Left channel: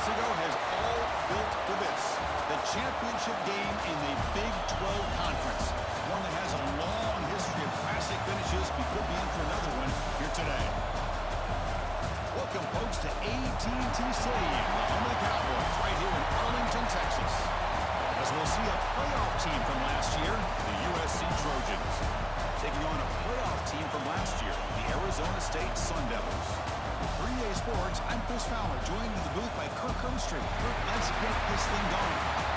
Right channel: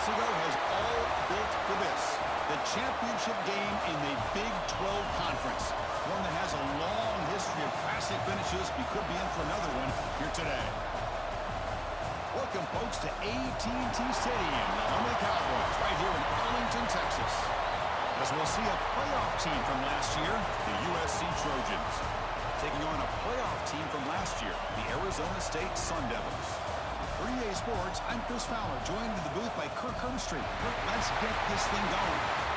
months ago has all built to this. The championship game in the Big 12 Conference. One that has a long history of classic finishes. We could be in for another one here today. Welcome, folks, to AT&T Stadium, the home of the Cowboys, right here in Arlington, Texas. As we'll see a playoff team from last year, the USC Trojans. Taking on a playoff team from last year, the Arizona State Sun Devils. For EA Sports, I'm Chris Fowler, joined in the booth by Kirk Hermstreet. Kirk, let's get this thing going.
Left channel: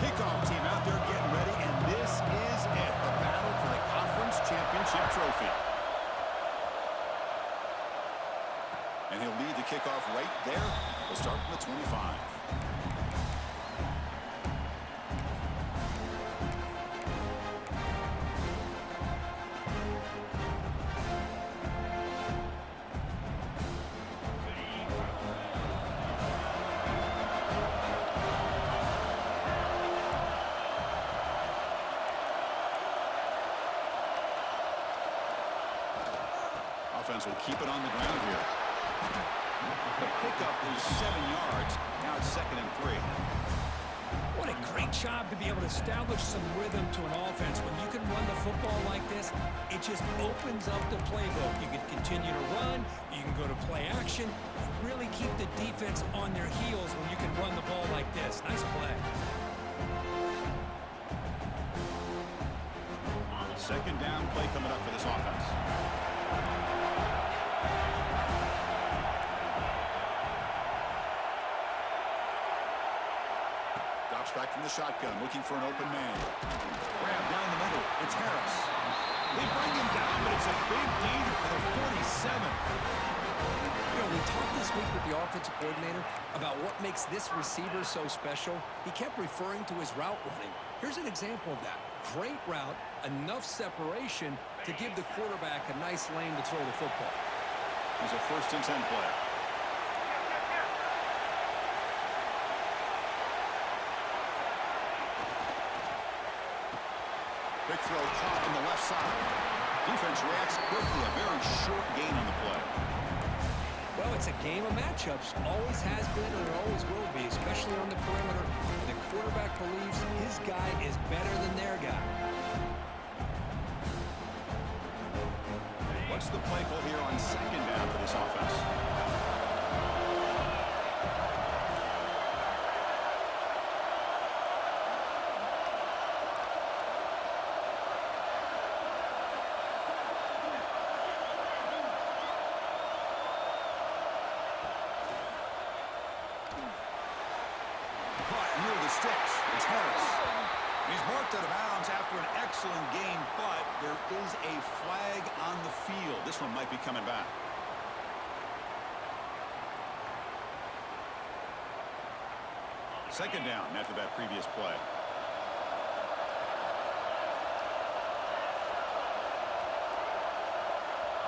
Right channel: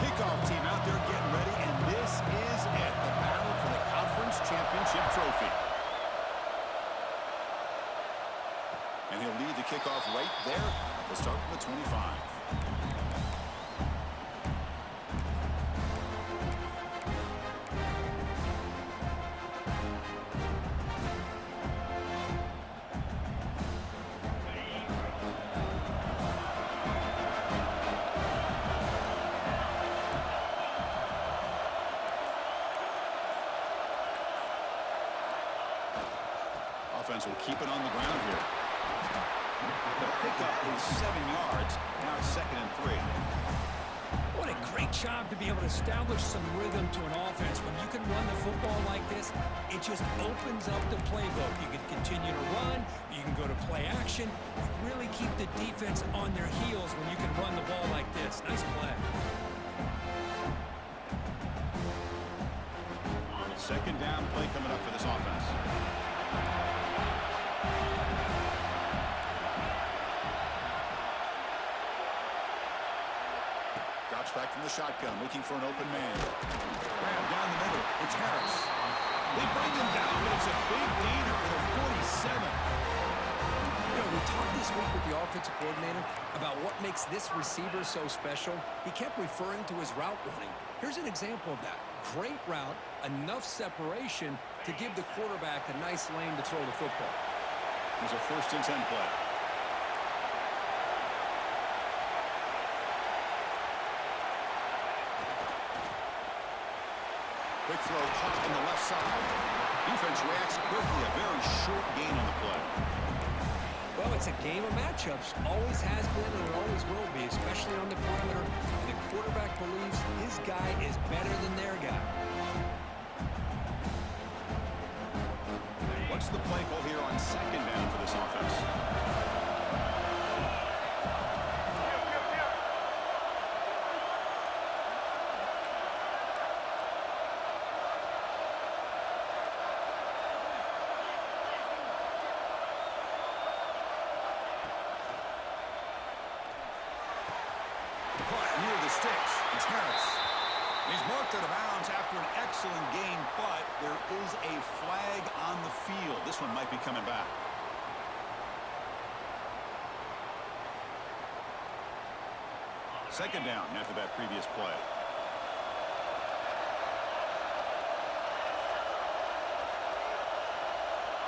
Kickoff team out there getting ready, and this is it, the battle for the conference championship trophy. And he'll lead the kickoff right there. We'll start from the 25. Offense will keep it on the ground here. The pickup is 7 yards. Now it's 2nd and 3. What a great job to be able to establish some rhythm to an offense. When you can run the football like this, it just opens up the playbook. You can continue to run. You can go to play action. You really keep the defense on their heels when you can run the ball like this. Nice play. 2nd down play coming up for this offense. Drops back from the shotgun, looking for an open man. Grab down the middle. It's Harris. They bring him down, but it's a big gainer for the 47. You know, we talked this week with the offensive coordinator about what makes this receiver so special. He kept referring to his route running. Here's an example of that. Great route, enough separation to give the quarterback a nice lane to throw the football. There's a 1st and 10 play. Quick throw caught on the left side. Defense reacts quickly. A very short gain on the play. Well, it's a game of matchups. Always has been and it always will be, especially on the perimeter. And the quarterback believes his guy is better than their guy. What's the play call here on 2nd down for this offense? Caught near the sticks. It's Harris. He's marked out of bounds after an excellent game, but there is a flag on the field. This one might be coming back. Second down after that previous play.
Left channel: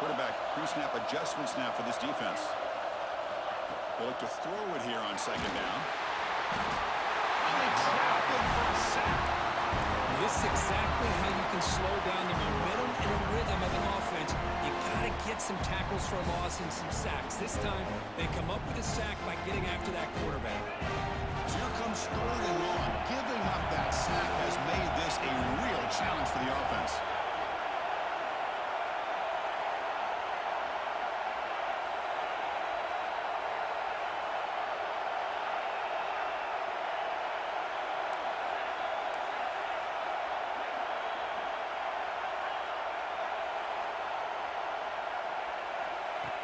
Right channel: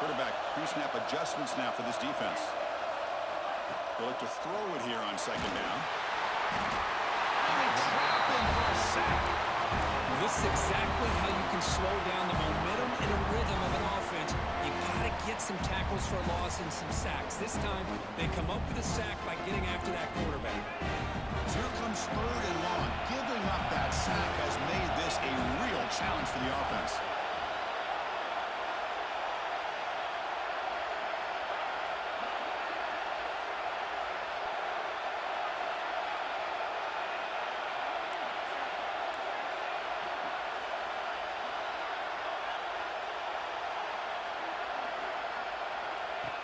Quarterback pre-snap adjustments now for this defense. They'll look to throw it here on 2nd down. And they trap him for a sack. This is exactly how you can slow down the momentum and a rhythm of an offense. You got to get some tackles for a loss and some sacks. This time, they come up with a sack by getting after that quarterback. So here comes 3rd and long. Giving up that sack has made this a real challenge for the offense.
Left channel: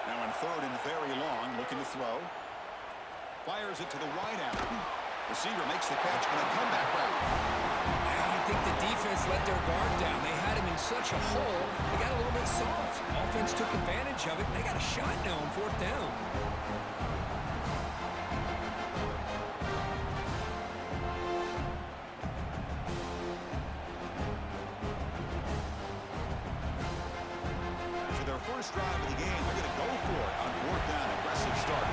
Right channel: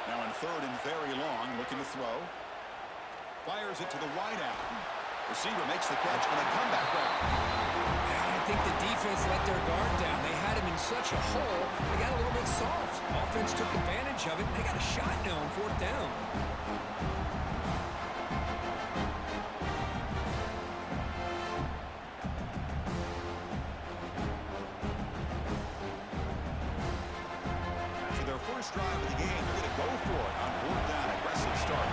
Now in 3rd and very long, looking to throw. Fires it to the wideout. Receiver makes the catch on a comeback route. I think the defense let their guard down. They had him in such a hole, they got a little bit soft. Offense took advantage of it, and they got a shot now on 4th down. first drive of the game. They're going to go for it on fourth down. Aggressive start.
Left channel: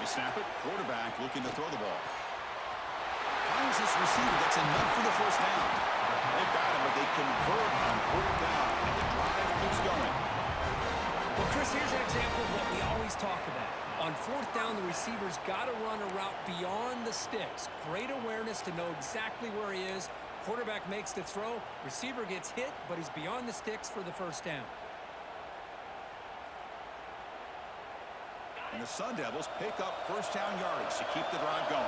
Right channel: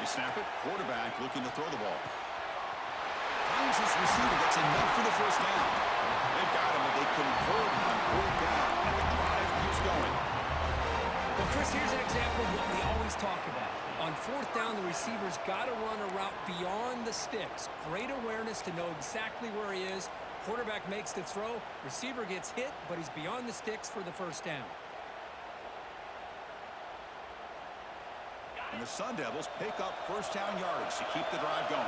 They snap it. Quarterback looking to throw the ball. Finds his receiver. That's enough for the first down. They've got him, but they convert on fourth down, and the drive keeps going. Well, Chris, here's an example of what we always talk about. On fourth down, the receiver's got to run a route beyond the sticks. Great awareness to know exactly where he is. Quarterback makes the throw. Receiver gets hit, but he's beyond the sticks for the first down. And the Sun Devils pick up first down yardage to keep the drive going.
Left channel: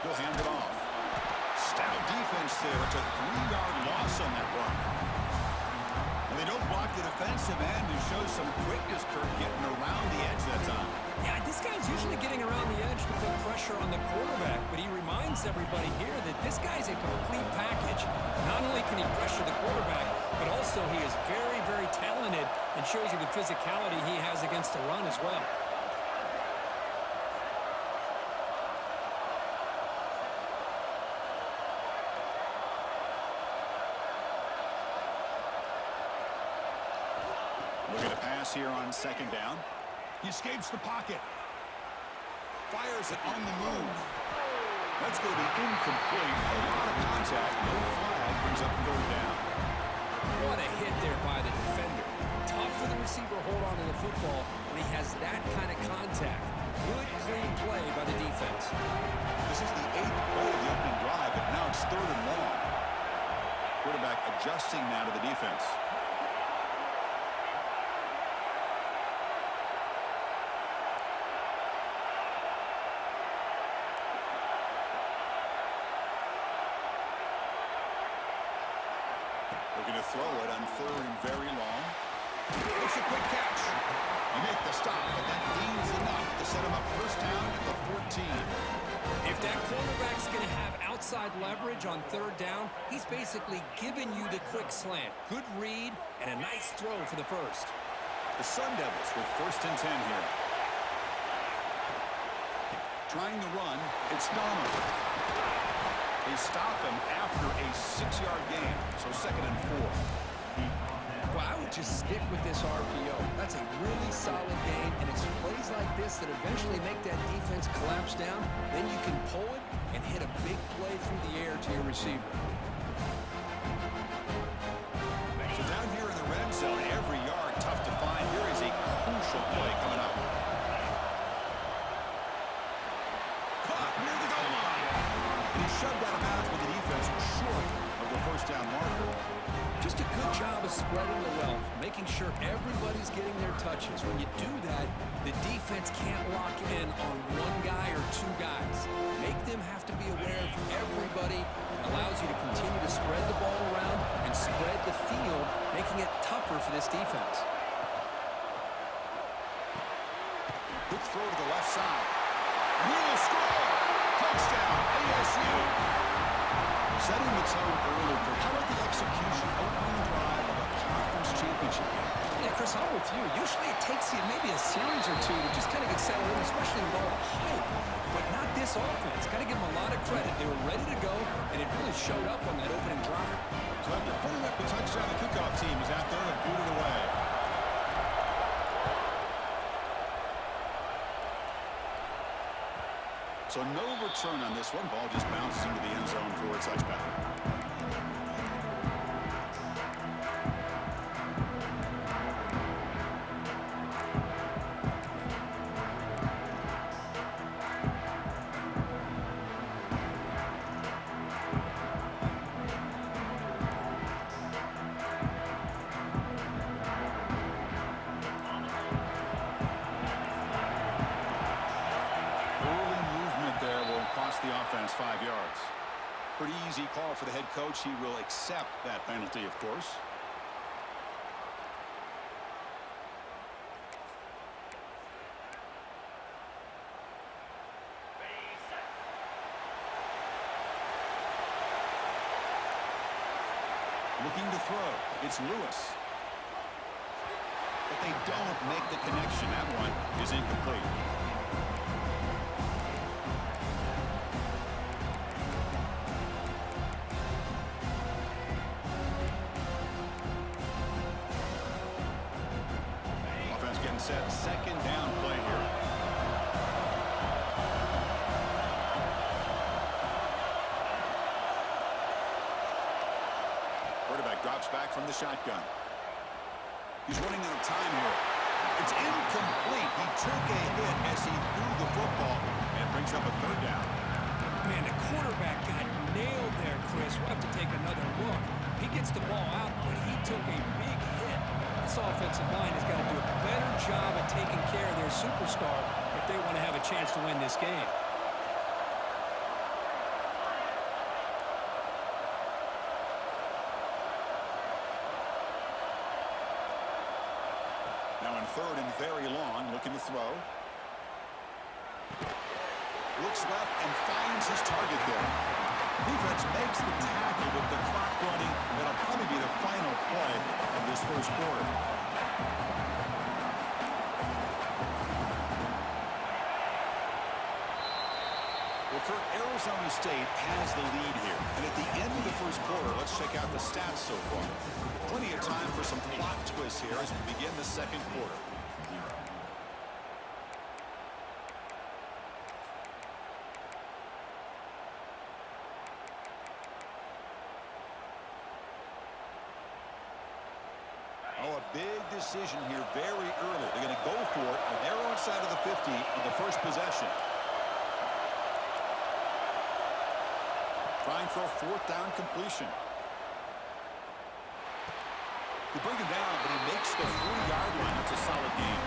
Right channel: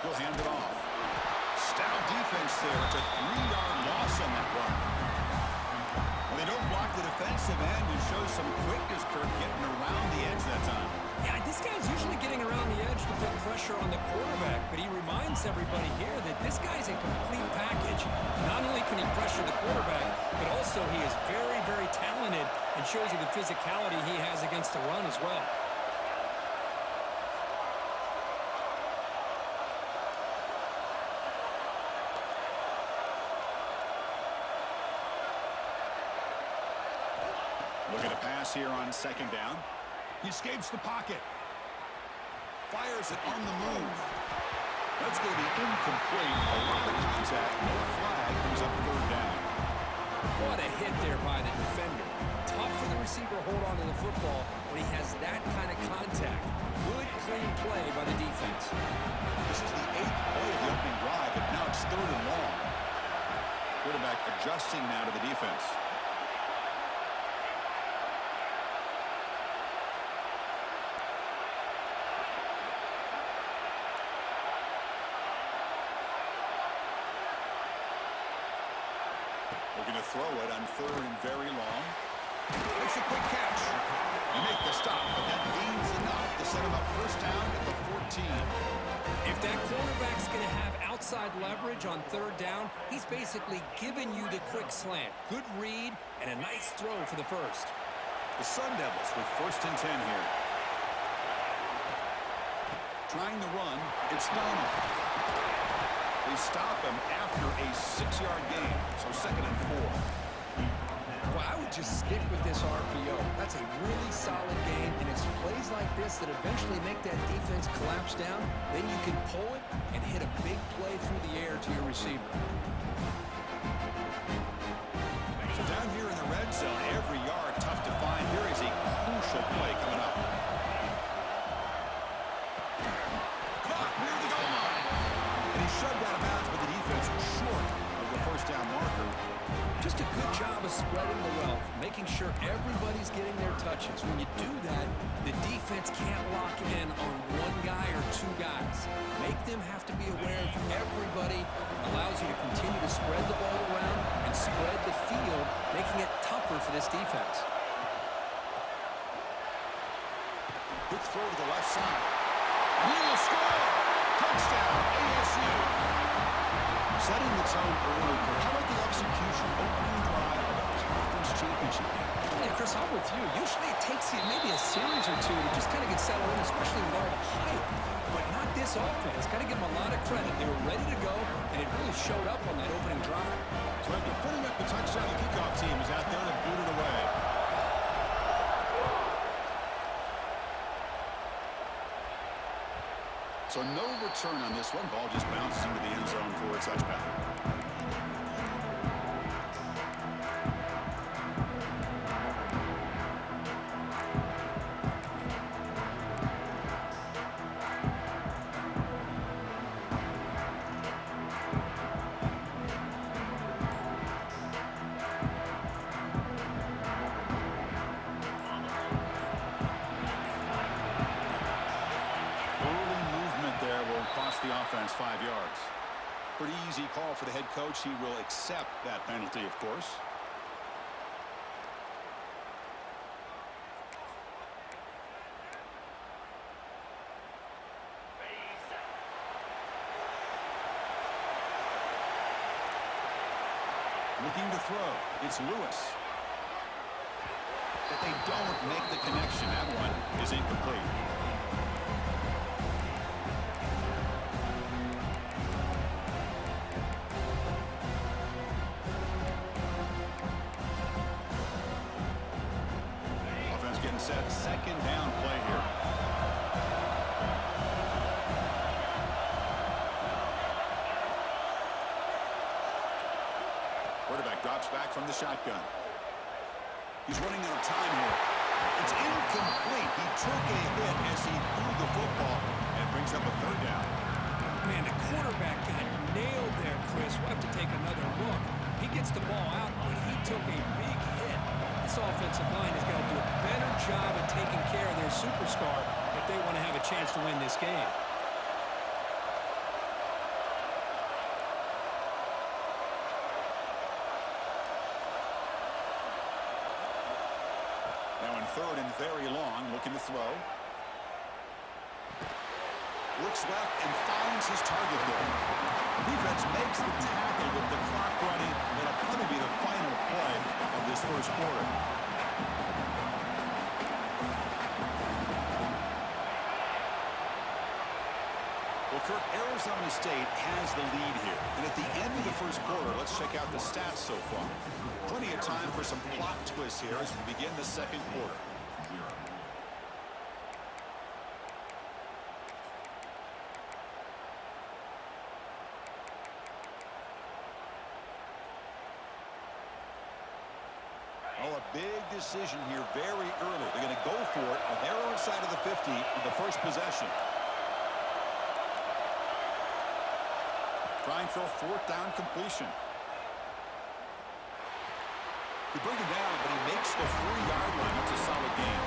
He'll hand it off. Stout defense there. It's a 3-yard loss on that run. Well, they don't block the defensive end and show some quickness, Kirk, getting around the edge that time. Yeah, this guy's usually getting around the edge to put pressure on the quarterback, but he reminds everybody here that this guy's a complete package. Not only can he pressure the quarterback, but also he is very, very talented and shows you the physicality he has against the run as well. Looking to pass here on second down. He escapes the pocket. Fires it on the move. That's going to be incomplete. A lot of contact. No flag. Brings up third down. What a hit there by the defender. Tough for the receiver to hold on to the football when he has that kind of contact. Good, clean play by the defense. This is the 8th play of the opening drive, but now it's third and long. Quarterback adjusting now to the defense. Looking to throw it on third and very long. It's a quick catch. You make the stop, but that gains enough to set him up first down at the 14. If that quarterback's going to have outside leverage on third down, he's basically giving you the quick slant. Good read and a nice throw for the first. The Sun Devils with first and 10 here. Trying to run, it's Donald. They stop him after a 6-yard gain, so second and 4. Well, I would just stick with this RPO. That's a really solid game, and it's plays like this that eventually make that defense collapse down. Then you can pull it and hit a big play through the air to your receiver. So down here in the red zone, every yard tough to find. Here is a crucial play coming up. Caught near the goal line. And he shoved out of bounds, but the defense short of the first down marker. Just a good job of spreading the wealth, making sure everybody's getting their touches. When you do that, the defense can't lock in on one guy or two guys. Make them have to be aware of everybody. It allows you to continue to spread the ball around and spread the field, making it tougher for this defense. Quick throw to the left side. And he will score! Touchdown, ASU! Setting the tone early, Kirk. How about the execution, opening drive of a conference championship game? Yeah, Chris, I'm with you. Usually it takes you maybe a series or two to just kind of get settled in, especially with all the hype. But not this offense. Got to give them a lot of credit. They were ready to go, and it really showed up on that opening drive. So after putting up the touchdown, the kickoff team is out there to boot it away. So no return on this one. Ball just bounces into the end zone for a touchback. Cost the offense 5 yards. Pretty easy call for the head coach. He will accept that penalty, of course. Looking to throw. It's Lewis. But they don't make the connection. That one is incomplete. Offense getting set. Second down play here. Quarterback drops back from the shotgun. He's running out of time here. It's incomplete. He took a hit as he threw the football, and it brings up a third down. Man, the quarterback got nailed there, Chris. We'll have to take another look. He gets the ball out, but he took a big hit. This offensive line has got to do a better job of taking care of their superstar if they want to have a chance to win this game. Now in third and very long, looking to throw. Looks left and finds his target there. Defense makes the tackle with the clock running. That'll probably be the final play of this first quarter. Well, Kirk, Arizona State has the lead here. And at the end of the first quarter, let's check out the stats so far. Plenty of time for some plot twists here as we begin the second quarter. Oh, a big decision here very early. They're going to go for it on their own side of the 50 on the first possession. Trying for a fourth down completion. They bring him down, but he makes the 40-yard line. That's a solid gain.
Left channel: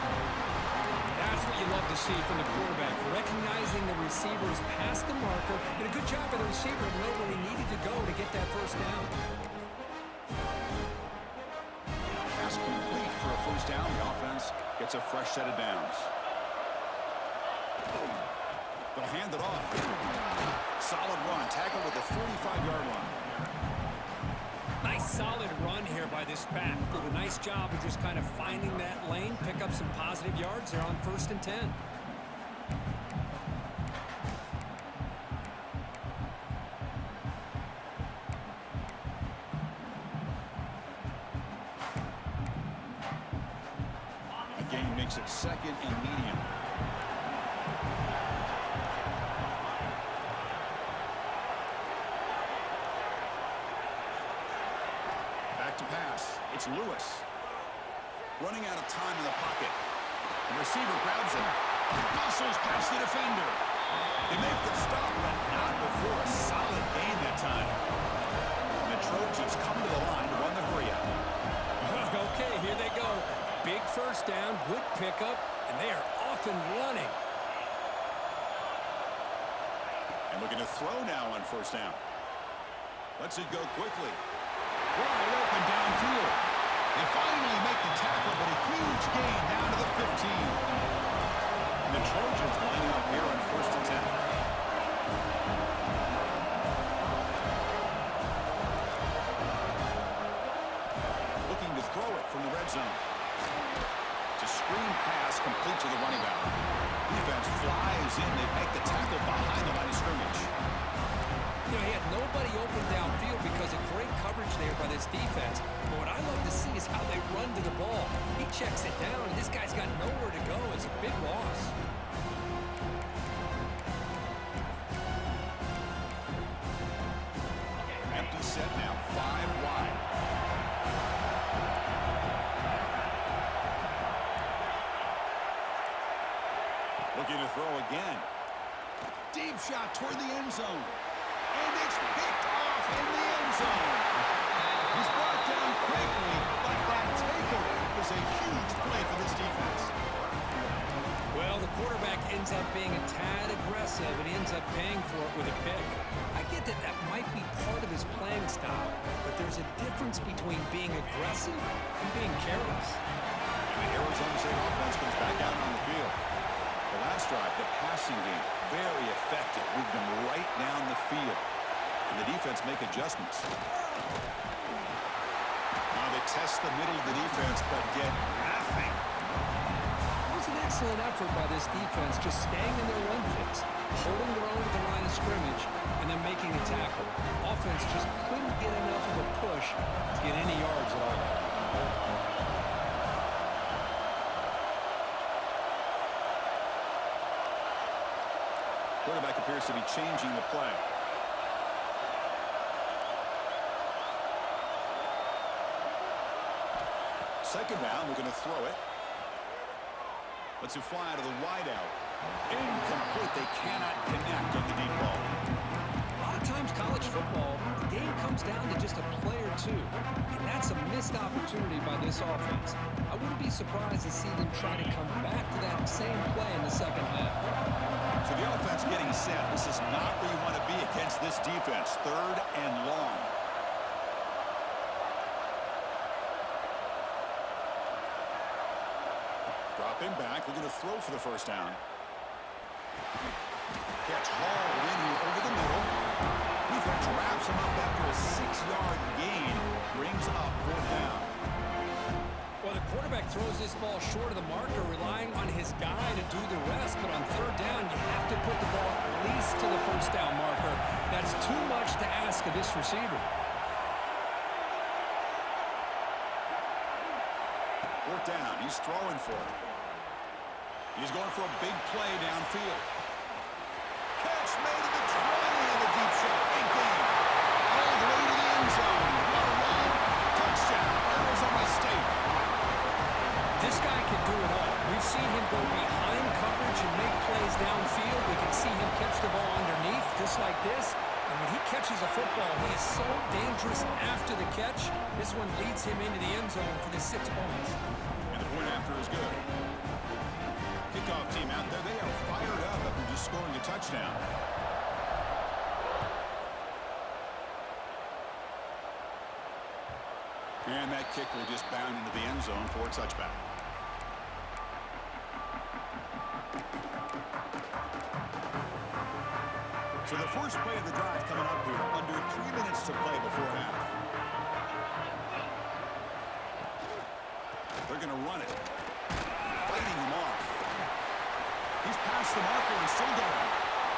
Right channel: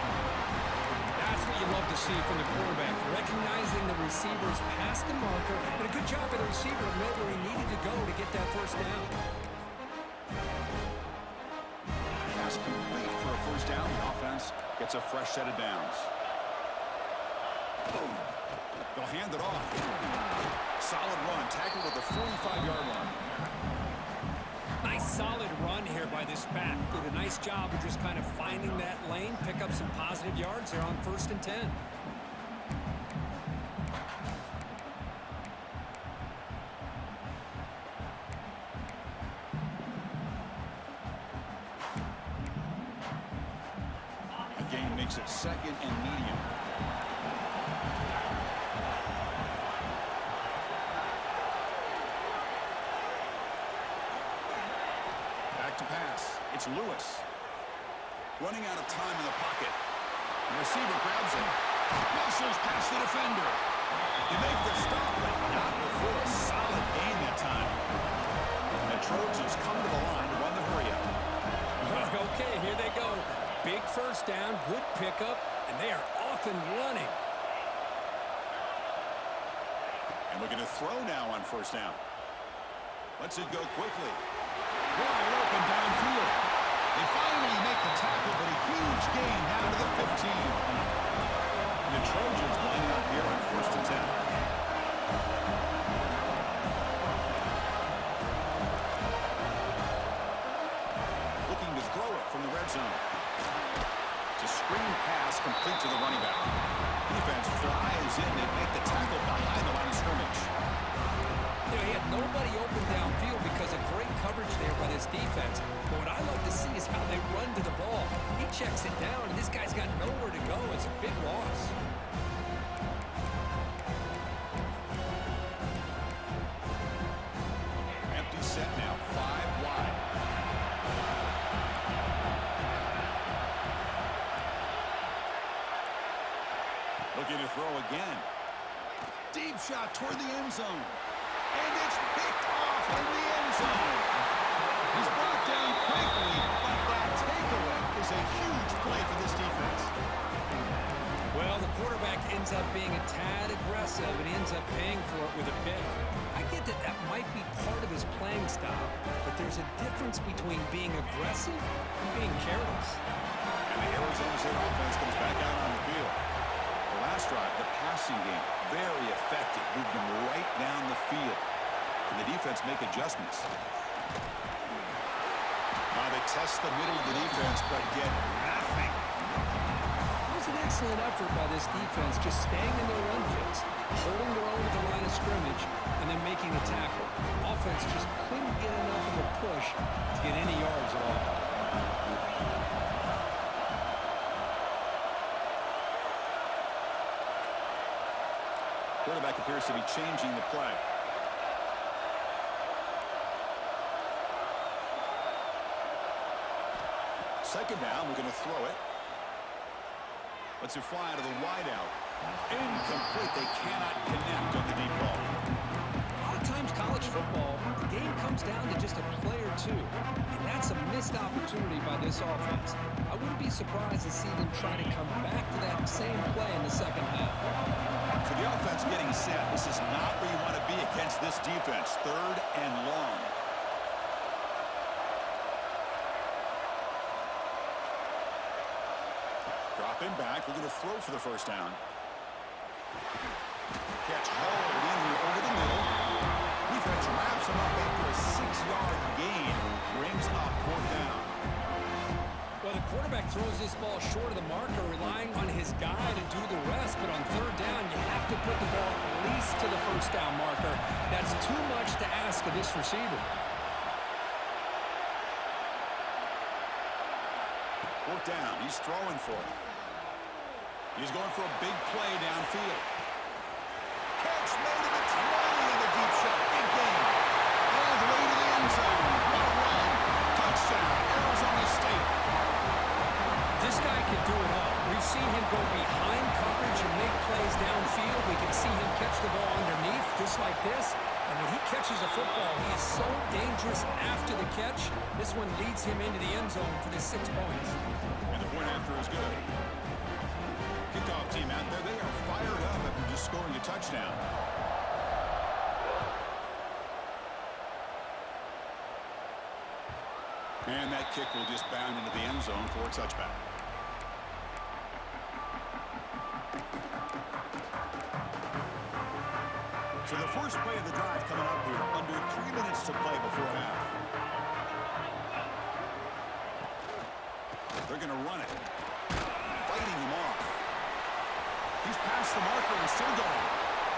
That's what you love to see from the quarterback, recognizing the receiver's past the marker, and a good job by the receiver to know where he needed to go to get that first down. Pass complete for a first down. The offense gets a fresh set of downs. Boom. They'll hand it off. Solid run. Tackled at the 45-yard line. Nice solid run here by this back. Did a nice job of just kind of finding that lane, pick up some positive yards there on 1st and 10. A gain makes it second and medium. Back to pass. It's Lewis. Running out of time in the pocket. The receiver grabs it. Muscles past the defender. They make the stop, but not before a solid gain that time. And the Trojans come to the line to run the hurry up. Okay, here they go. Big first down, good pickup, and they are off and running. And looking to throw now on first down. Lets it go quickly. Wide open downfield. They finally make the tackle, but a huge gain down to the 15. And the Trojans lining up here on 1st and 10. Looking to throw it from the red zone. It's a screen pass complete to the running back. Defense flies in. They make the tackle behind the line of scrimmage. You know, he had nobody open downfield because of great coverage there by this defense. But what I love to see is how they run to the ball. He checks it down, and this guy's got nowhere to go. It's a big loss. Empty set now, 5 wide. Looking to throw again. Deep shot toward the end zone. And it's picked off in the end zone. He's brought down quickly, but that takeaway is a huge play for this defense. Well, the quarterback ends up being a tad aggressive, and he ends up paying for it with a pick. I get that that might be part of his playing style, but there's a difference between being aggressive and being careless. And the Arizona State offense comes back out on the field. The last drive, the passing game, very effective. Moved them right down the field. And the defense make adjustments. they test the middle of the defense, but get nothing. It was an excellent effort by this defense, just staying in their run fits, holding their own at the line of scrimmage, and then making a tackle. Offense just couldn't get enough of a push to get any yards at all. Quarterback appears to be changing the play. Second down, we're going to throw it. Let's fly to the wideout. Incomplete. They cannot connect on the deep ball. A lot of times college football, the game comes down to just a play or two, and that's a missed opportunity by this offense. I wouldn't be surprised to see them try to come back to that same play in the second half. So the offense getting set. This is not where you want to be against this defense. Third and long. Drop him back. We're going to throw for the first down. Catch hauled in here over the middle. Defense wraps him up after a 6-yard gain. Brings up fourth down. Well, the quarterback throws this ball short of the marker, relying on his guy to do the rest. But on third down, you have to put the ball at least to the first down marker. That's too much to ask of this receiver. Fourth down. He's throwing for it. He's going for a big play downfield. Catch made at the 20 in the deep shot. Big game. All the way to the end zone. What a run. Touchdown, Arizona State. This guy can do it all. We've seen him go behind coverage and make plays downfield. We can see him catch the ball underneath, just like this. And when he catches a football, he is so dangerous after the catch. This one leads him into the end zone for the 6 points. And the point after is good. Kickoff team out there, they are fired up after just scoring a touchdown. And that kick will just bound into the end zone for a touchback. So the first play of the drive coming up here, under 3 minutes to play before half. They're going to run it. Fighting him off. He's past the marker and still going.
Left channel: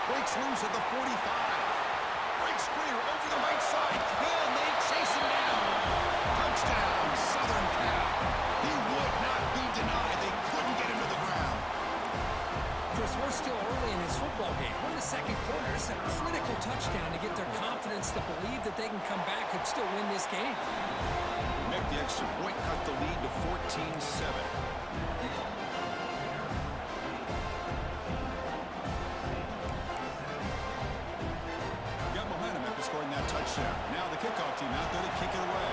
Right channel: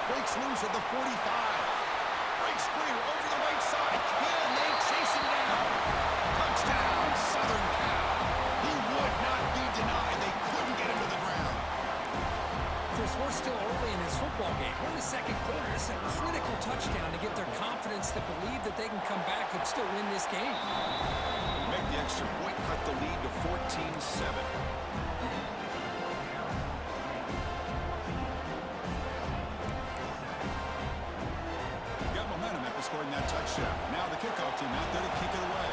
Breaks loose at the 45. Breaks clear over the right side. Can they chase him down? Touchdown, Southern Cal. He would not be denied. They couldn't get him to the ground. Chris, we're still early in this football game. We're in the second quarter. It's a critical touchdown to get their confidence to believe that they can come back and still win this game. Make the extra point, cut the lead to 14-7. Got momentum after scoring that touchdown. Now the kickoff team out there to kick it away.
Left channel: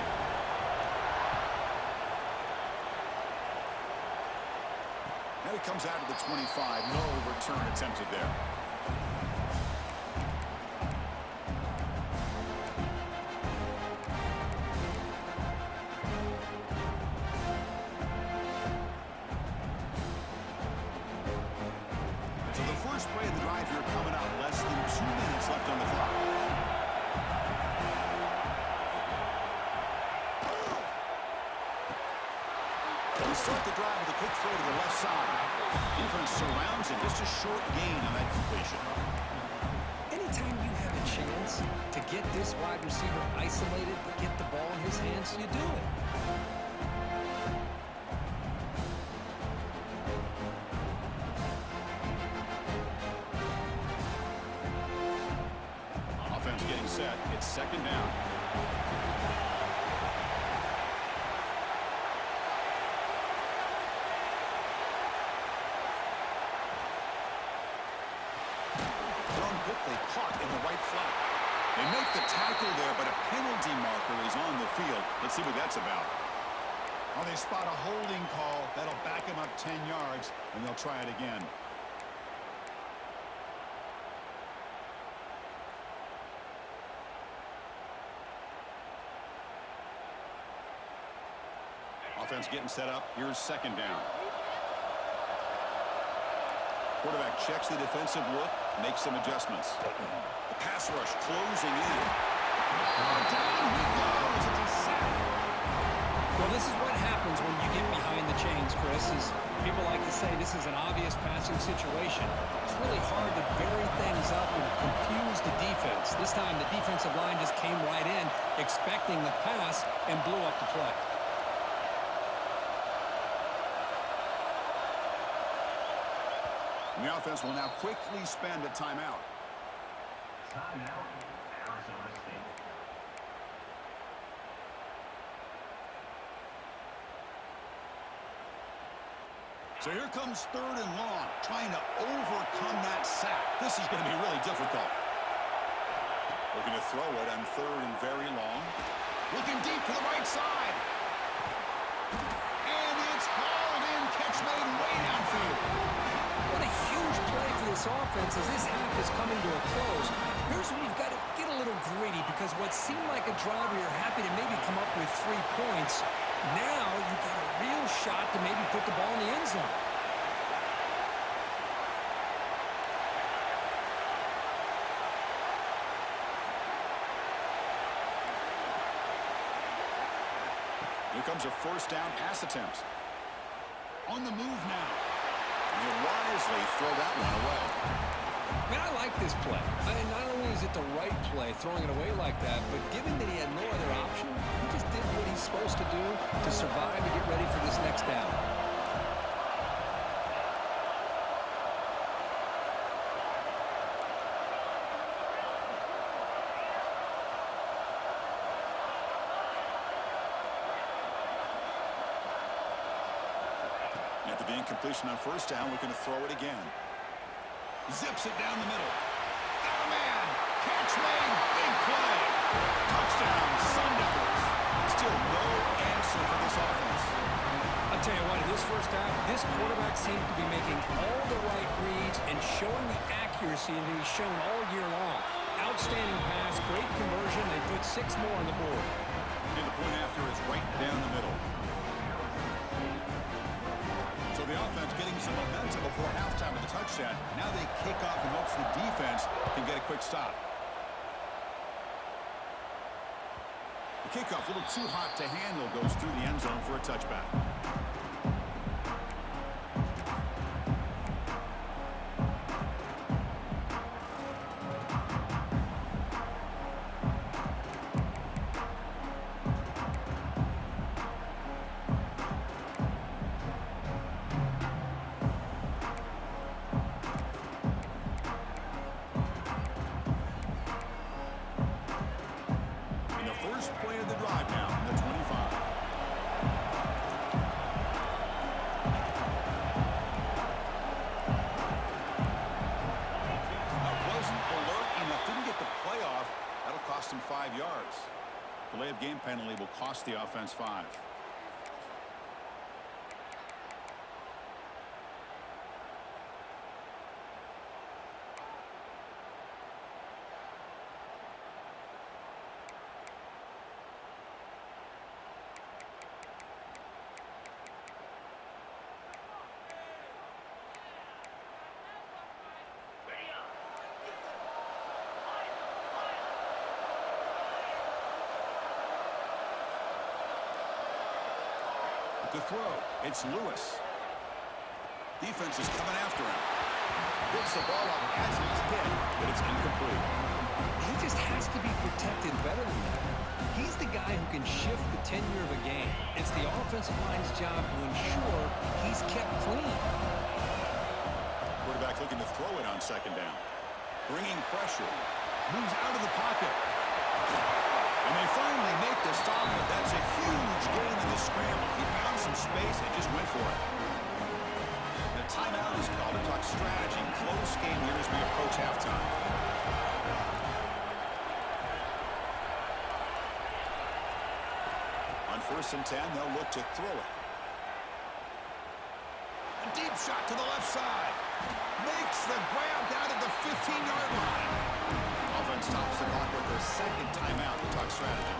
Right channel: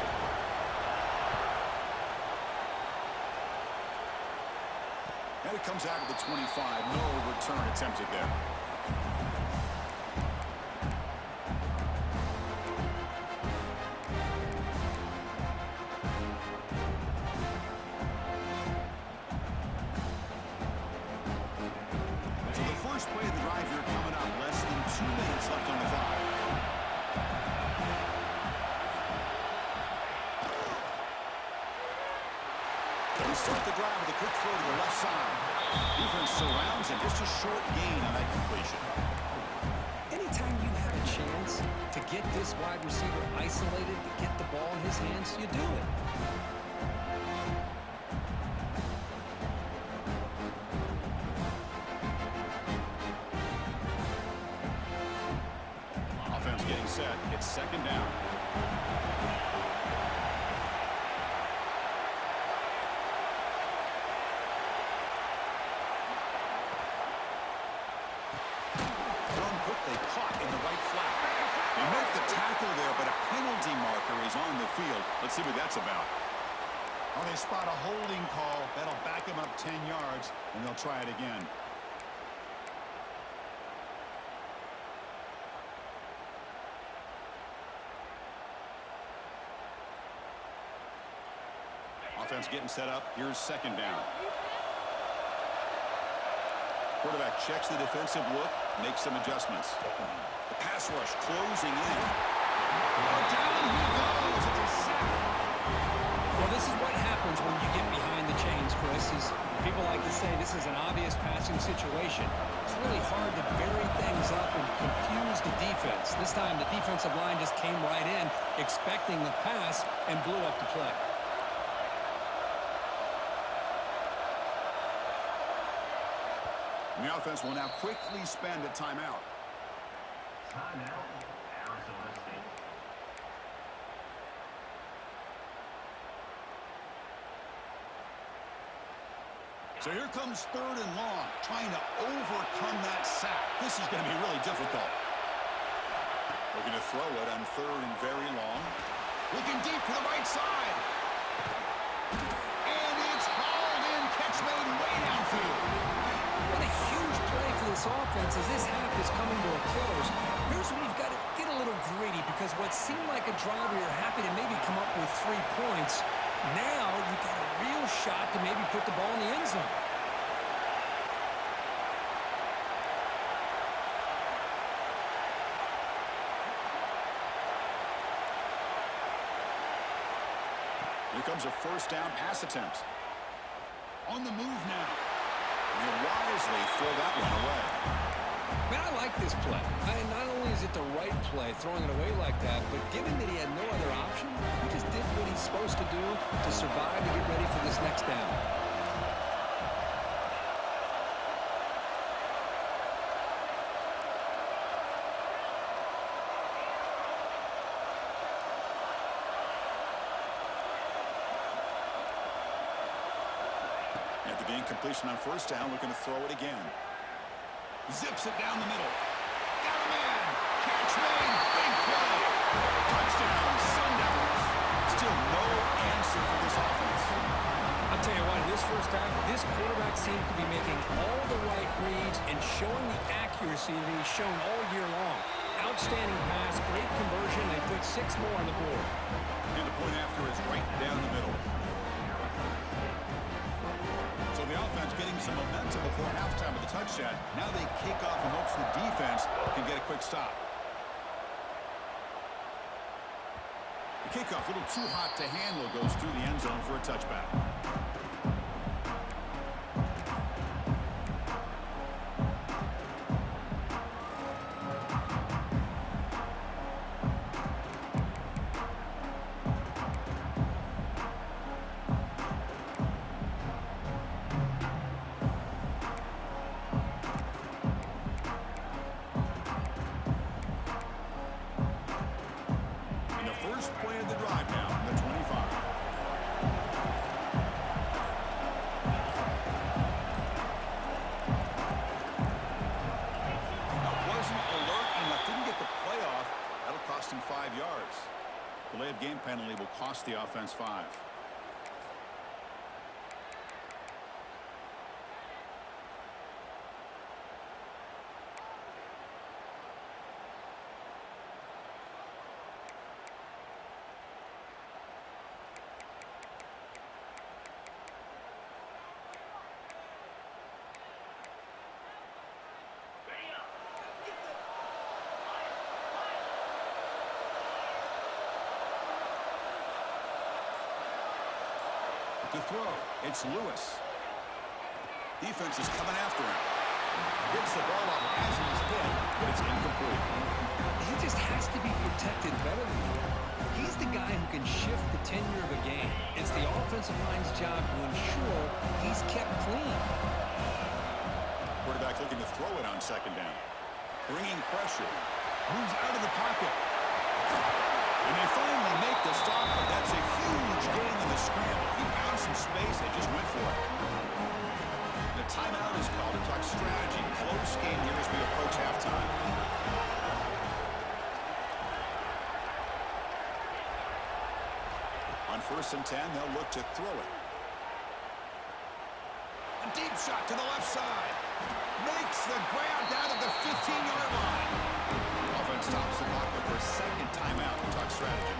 And it comes out of the 25. No return attempted there. So the first play of the drive here coming up. Less than 2 minutes left on the clock. They start the drive with a quick throw to the left side. Defense surrounds him. Just a short gain on that completion. Anytime you have a chance to get this wide receiver isolated, to get the ball in his hands, you do it. Offense getting set. It's second down. Quickly caught in the right flat. They make the tackle there, but a penalty marker is on the field. Let's see what that's about. Oh, they spot a holding call. That'll back them up 10 yards, and they'll try it again. Offense getting set up. Here's second down. Quarterback checks the defensive look, makes some adjustments. The pass rush closing in. Oh, down he goes. It's a sack. Well, this is what happens when you get behind the chains, Chris. Is people like to say this is an obvious passing situation. It's really hard to vary things up and confuse the defense. This time, the defensive line just came right in, expecting the pass, and blew up the play. The offense will now quickly spend a timeout. Timeout, Arizona State. So here comes 3rd and long, trying to overcome that sack. This is going to be really difficult. Looking to throw it on 3rd and very long. Looking deep to the right side. And it's hauled in, catch made way downfield. What a huge play for this offense as this half is coming to a close. Here's where you've got to get a little greedy because what seemed like a drive where you're happy to maybe come up with 3 points, now you've got a real shot to maybe put the ball in the end zone. Here comes a 1st down pass attempt. On the move now. He'll wisely throw that one away. Man, I like this play. And not only is it the right play, throwing it away like that, but given that he had no other option, he just did what he's supposed to do to survive and get ready for this next down. At the incompletion on 1st down, looking to throw it again. Zips it down the middle. Got a man. Catch made. Big play. Touchdown, Sun Devils. Still no answer for this offense. I'll tell you what, in this first half, this quarterback seems to be making all the right reads and showing the accuracy that he's shown all year long. Outstanding pass, great conversion. They put 6 more on the board. And the point after is right down the middle. So the offense getting some momentum before halftime of the touchdown. Now they kick off in hopes the defense can get a quick stop. The kickoff, a little too hot to handle, goes through the end zone for a touchback. Play of the drive now from the 25. That wasn't alert enough. Didn't get the playoff. That'll cost him 5 yards. Delay of game penalty will cost the offense 5. To throw, it's Lewis. Defense is coming after him. Gets the ball off as he's hit, but it's incomplete. He just has to be protected better than that. He's the guy who can shift the tenure of a game. It's the offensive line's job to ensure he's kept clean. Quarterback looking to throw it on 2nd down. Bringing pressure. Moves out of the pocket. And they finally make the stop, but that's a huge gain in the scramble. He found some space and just went for it. The timeout is called to talk strategy. Close game here as we approach halftime. On 1st and 10, they'll look to throw it. A deep shot to the left side. Makes the grab down at the 15-yard line. Offense stops the clock with their 2nd timeout to talk strategy.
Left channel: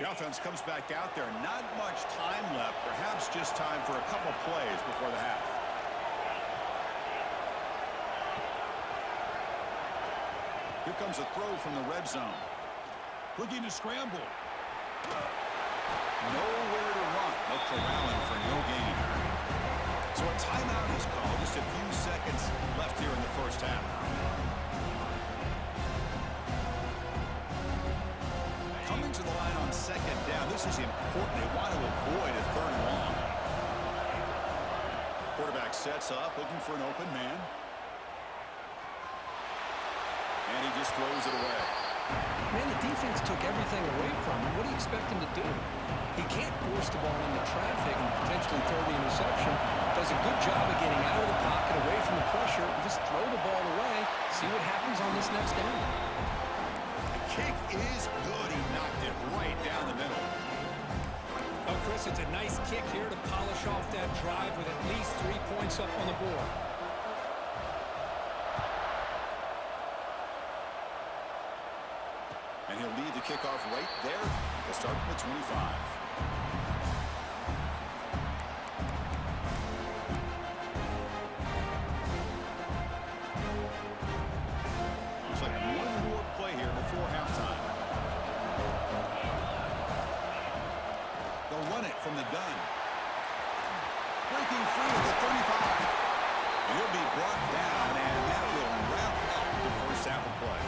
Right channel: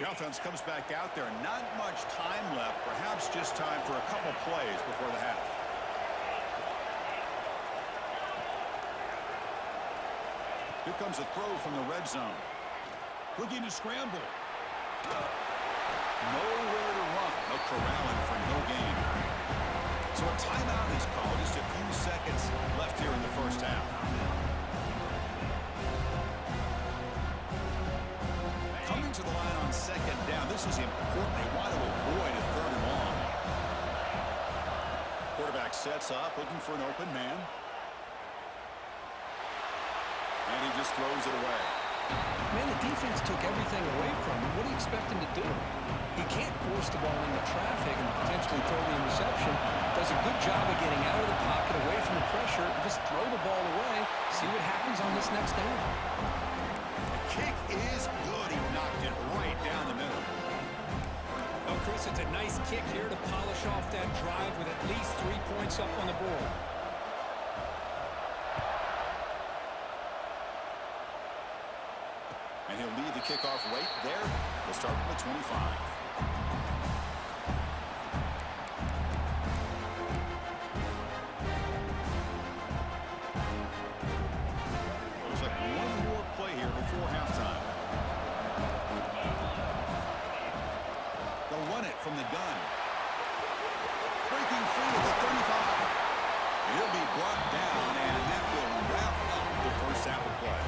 The offense comes back out there. Not much time left. Perhaps just time for a couple plays before the half. Here comes a throw from the red zone. Looking to scramble. Nowhere to run. They'll corral him for no gain. So a timeout is called. Just a few seconds left here in the first half. Coming to the line on second down. This is important. They want to avoid a third and long. Quarterback sets up, looking for an open man. And he just throws it away. Man, the defense took everything away from him. What do you expect him to do? He can't force the ball into traffic and potentially throw the interception. Does a good job of getting out of the pocket, away from the pressure, and just throw the ball away. See what happens on this next down. The kick is good. He knocked it right down the middle. Oh, Chris, it's a nice kick here to polish off that drive with at least 3 points up on the board. And he'll leave the kickoff right there. They'll start from the 25. Looks like one more play here before halftime. They'll run it from the gun. Breaking free at the 35. He'll be brought down, and that will wrap up the first half of play.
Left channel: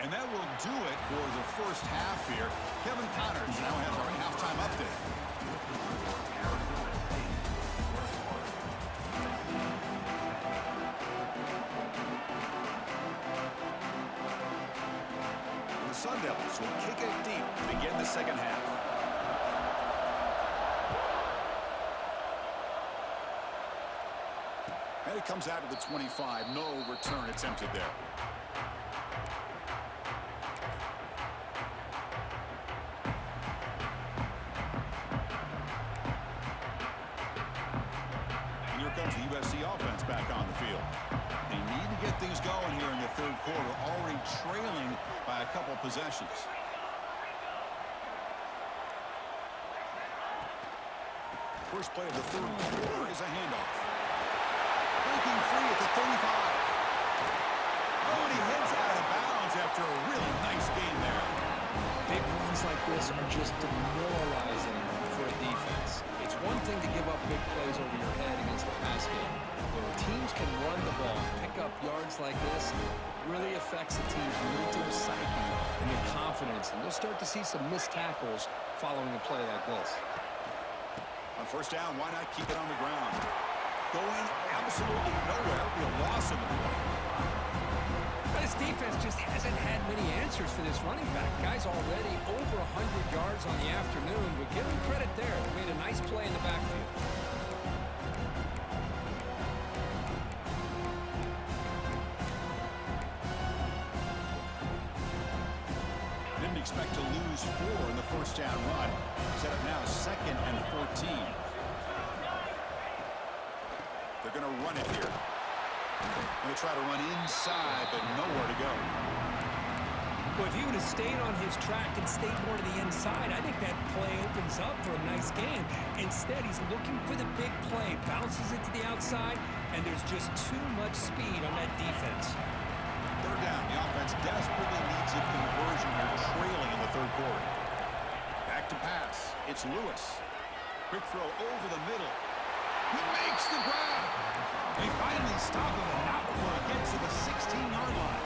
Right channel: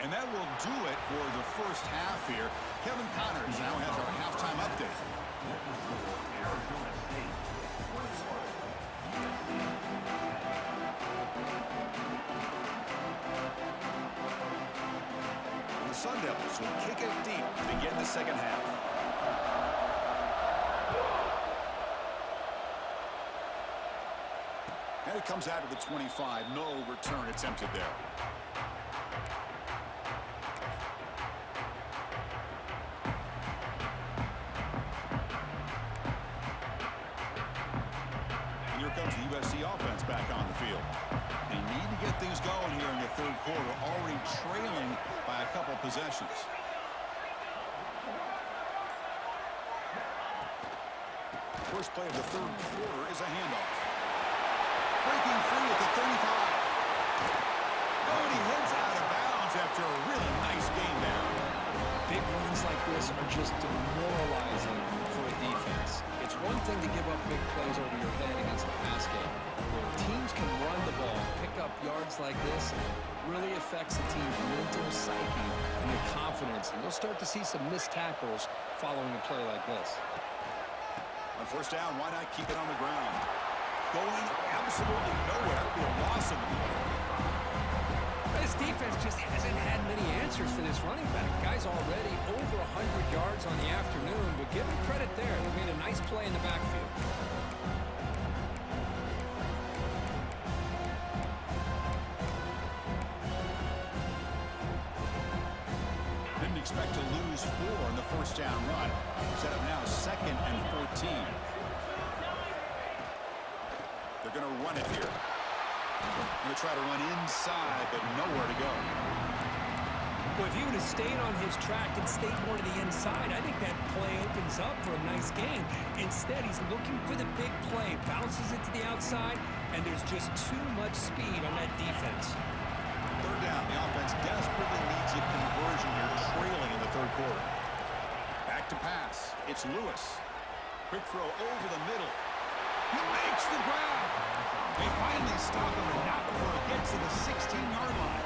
And that will do it for the first half here. Kevin Connors now has our halftime update. The Sun Devils will kick it deep to begin the second half. And it comes out of the 25. No return attempted there. Here comes the USC offense back on the field. They need to get things going here in the third quarter, already trailing by a couple possessions. First play of the third quarter is a handoff. Breaking free at the 35. Oh, and he heads out of bounds after a really nice game there. Big runs like this are just demoralizing for a defense. It's one thing to give up big plays over your head against the pass game. Where teams can run the ball, pick up yards like this, really affects the team's mental psyche and their confidence. And you'll start to see some missed tackles following a play like this. On first down, why not keep it on the ground? Going absolutely nowhere. That would be a loss of the play. This defense just hasn't had many answers for this running back. Guy's already over 100 yards on the afternoon, but give him credit there. They made a nice play in the backfield. Didn't expect to lose 4 in the first down run. Set up now 2nd and 14. They're going to run it here. Going to try to run inside, but nowhere to go. Well, if he would have stayed on his track and stayed more to the inside, I think that play opens up for a nice game. Instead, he's looking for the big play, bounces it to the outside, and there's just too much speed on that defense. Third down. The offense desperately needs a conversion here, trailing in the third quarter. Back to pass. It's Lewis. Quick throw over the middle. He makes the grab. They finally stop him, and not before it gets to the 16-yard line.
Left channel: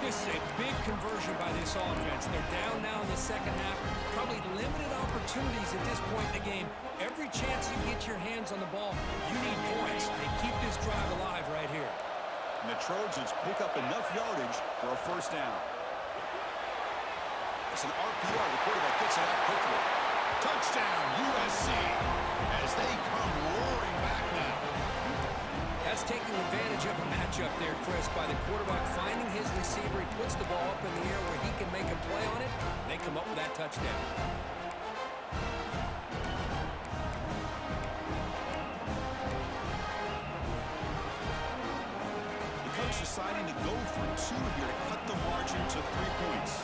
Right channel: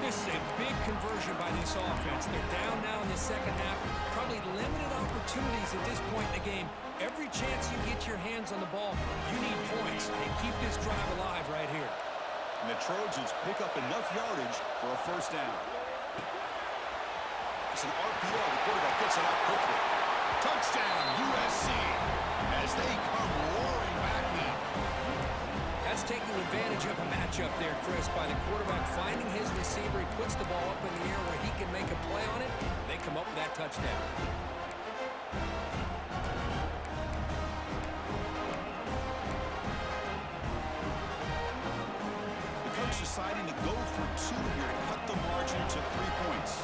This is a big conversion by this offense. They're down now in the second half. Probably limited opportunities at this point in the game. Every chance you get your hands on the ball, you need points. They keep this drive alive right here. And the Trojans pick up enough yardage for a first down. It's an RPO. The quarterback gets it out quickly. Touchdown, USC, as they come roaring back now. That's taking advantage of a matchup there, Chris, by the quarterback finding his receiver. He puts the ball up in the air where he can make a play on it. They come up with that touchdown. deciding to go for two here to cut the margin to 3 points.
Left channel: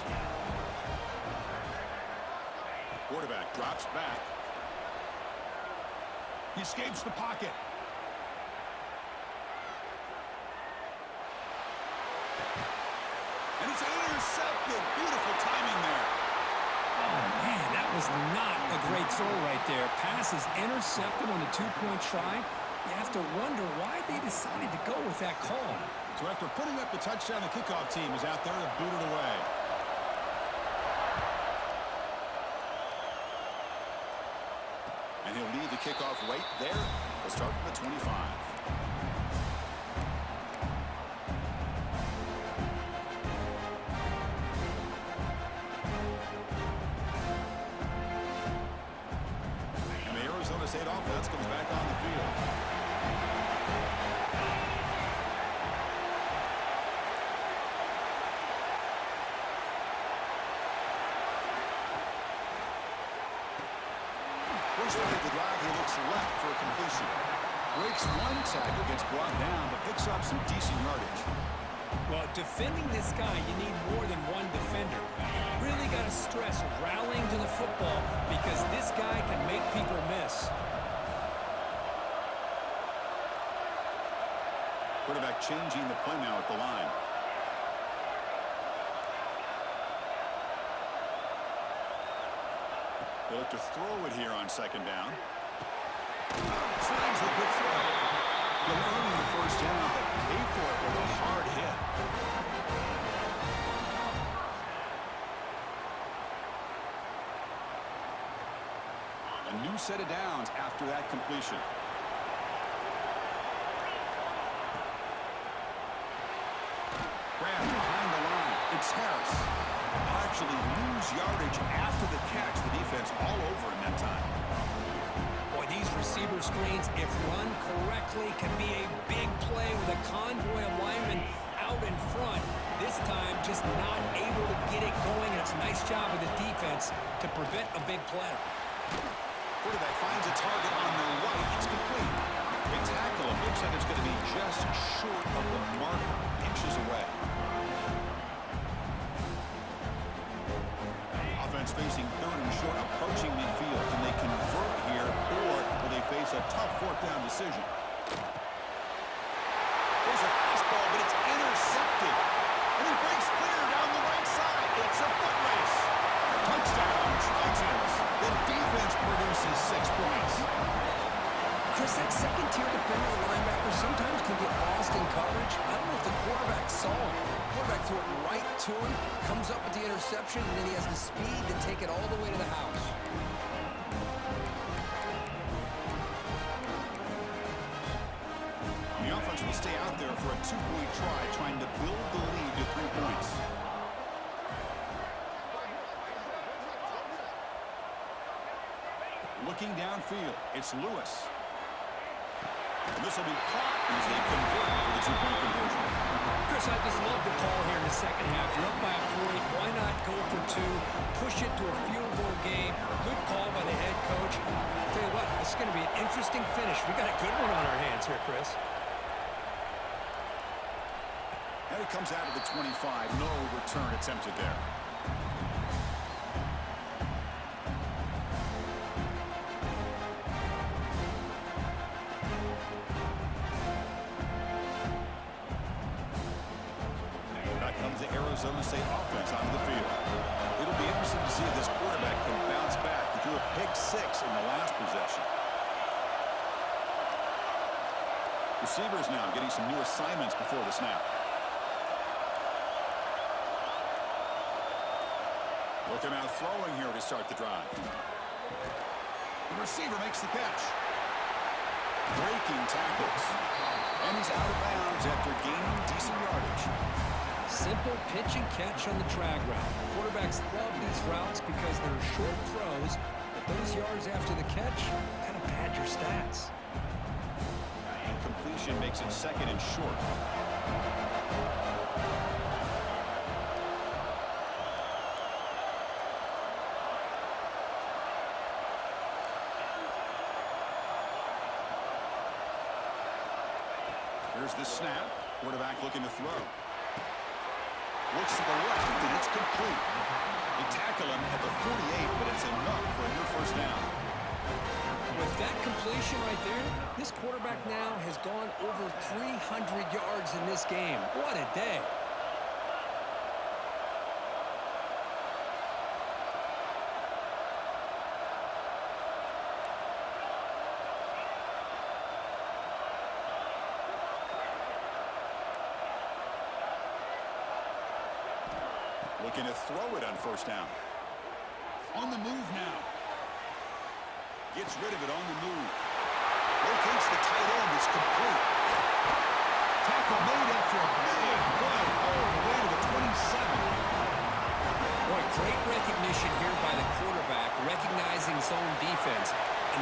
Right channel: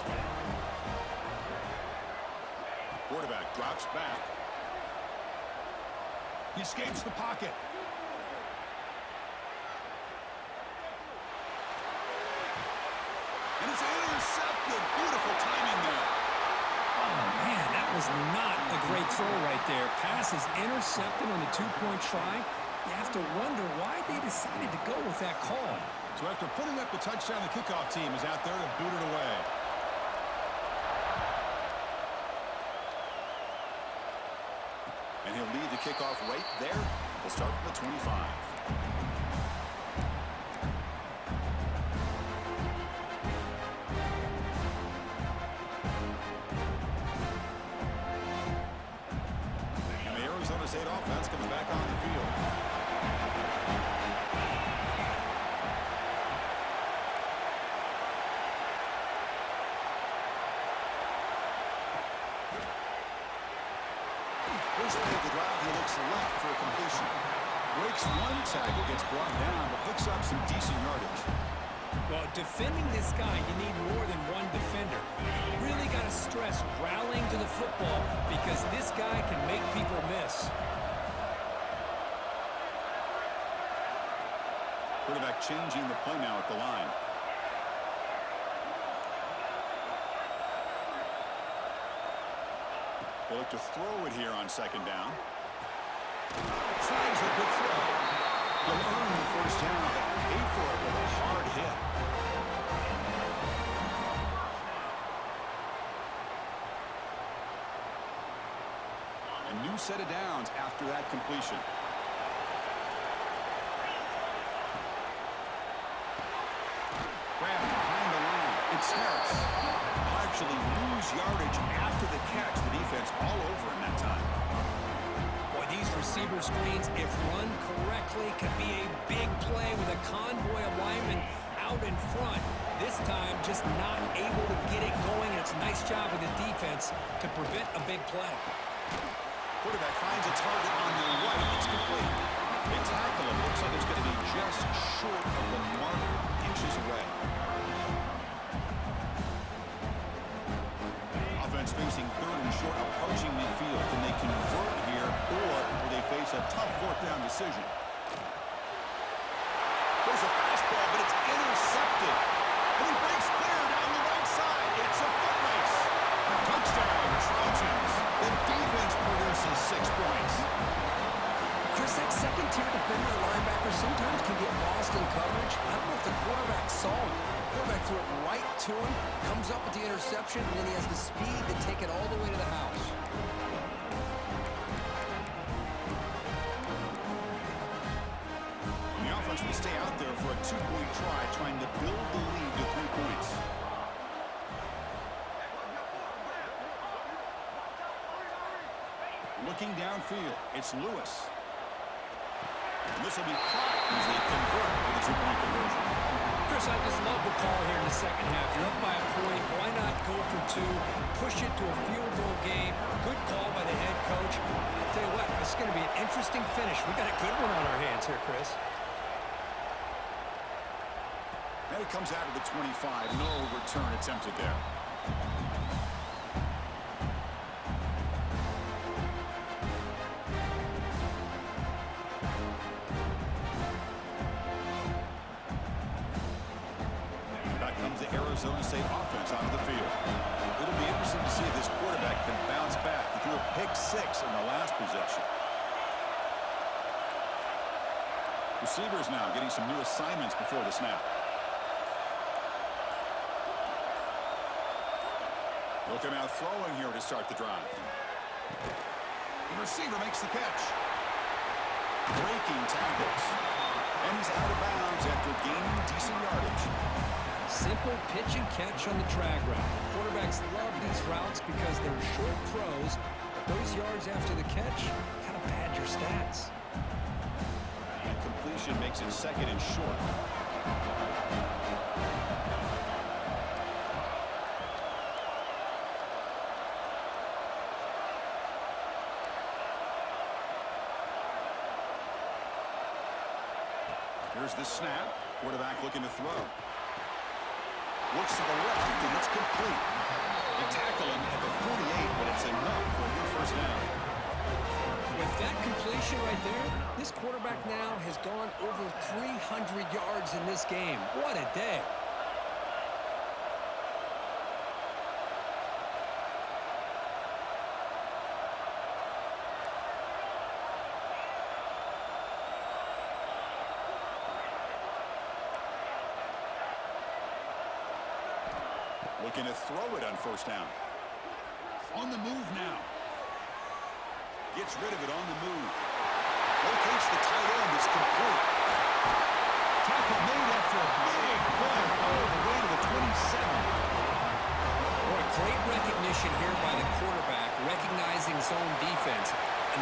Quarterback drops back. He escapes the pocket. And it's intercepted. Beautiful timing there. Oh, man, that was not a great throw right there. Pass is intercepted on the two-point try. You have to wonder why they decided to go with that call. So after putting up the touchdown, the kickoff team is out there to boot it away. And he'll leave the kickoff right there. They'll start from the 25. And the Arizona State offense comes back on the field. First play of the drive, he looks left for a completion. Breaks one tackle, gets brought down, but picks up some decent yardage. Well, defending this guy, you need more than one defender. You really got to stress rallying to the football because this guy can make people miss. Quarterback changing the play now at the line. They look to throw it here on second down. Signs a good throw. He'll earn the first down, but pay for it with a hard hit. A new set of downs after that completion. Grab behind the line. It's Harris. They'll actually lose yardage after the catch. The defense all over him that time. Boy, these receiver screens, if run correctly, can be a big play with a convoy of linemen out in front. This time, just not able to get it going. And it's a nice job of the defense to prevent a big play. Quarterback finds a target on the right. It's complete. They tackle him. Looks like it's going to be just short of the marker, inches away. Offense facing third and short, approaching midfield. Can they convert here, or will they face a tough fourth down decision? There's a fastball, but it's intercepted. And he breaks clear down the right side. It's a foot race. Touchdown, Trojans. The defense produces 6 points. Chris, that second-tier defender, the linebacker, sometimes can get lost in coverage. I don't know if the quarterback saw him. The quarterback threw it right to him, comes up with the interception, and then he has the speed to take it all the way to the house. The offense will stay out there for a 2-point try, trying to build the lead to 3 points. Looking downfield, it's Lewis. And this will be caught as they convert for the 2-point conversion. Chris, I just love the call here in the second half. You're up by a point. Why not go for 2? Push it to a field goal game. Good call by the head coach. I'll tell you what, this is going to be an interesting finish. We got a good one on our hands here, Chris. And it comes out of the 25. No return attempted there. Comes the Arizona State offense onto the field. It'll be interesting to see if this quarterback can bounce back. He threw a pick-6 in the last possession. Receivers now getting some new assignments before the snap. Looking out throwing here to start the drive. The receiver makes the catch. Breaking tackles. And he's out of bounds after gaining decent yardage. Simple pitch and catch on the drag route. Quarterbacks love these routes because they're short throws, but those yards after the catch kind of pad your stats. And completion makes it second and short. Here's the snap. Quarterback looking to throw. Looks to the left, and it's complete. They tackle him at the 48, but it's enough for a new first down. With that completion right there, this quarterback now has gone over 300 yards in this game. What a day. Looking to throw it on first down. On the move now. Gets rid of it on the move. Locates the tight end. It's complete. Tackle made after a big play all the way to the 27. Boy, great recognition here by the quarterback, recognizing zone defense.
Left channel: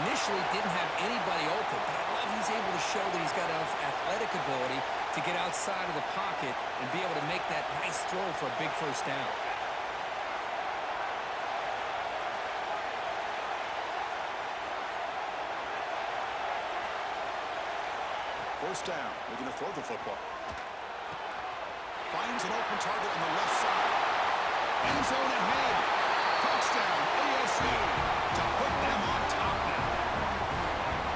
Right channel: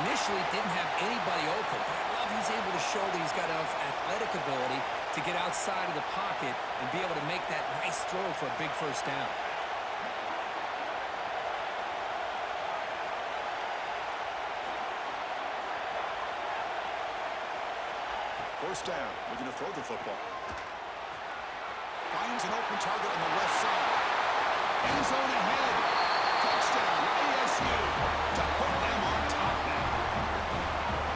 Initially didn't have anybody open, but I love he's able to show that he's got enough athletic ability to get outside of the pocket and be able to make that nice throw for a big first down. First down, looking to throw the football. Finds an open target on the left side. End zone ahead. Touchdown, ASU, to put them on top now.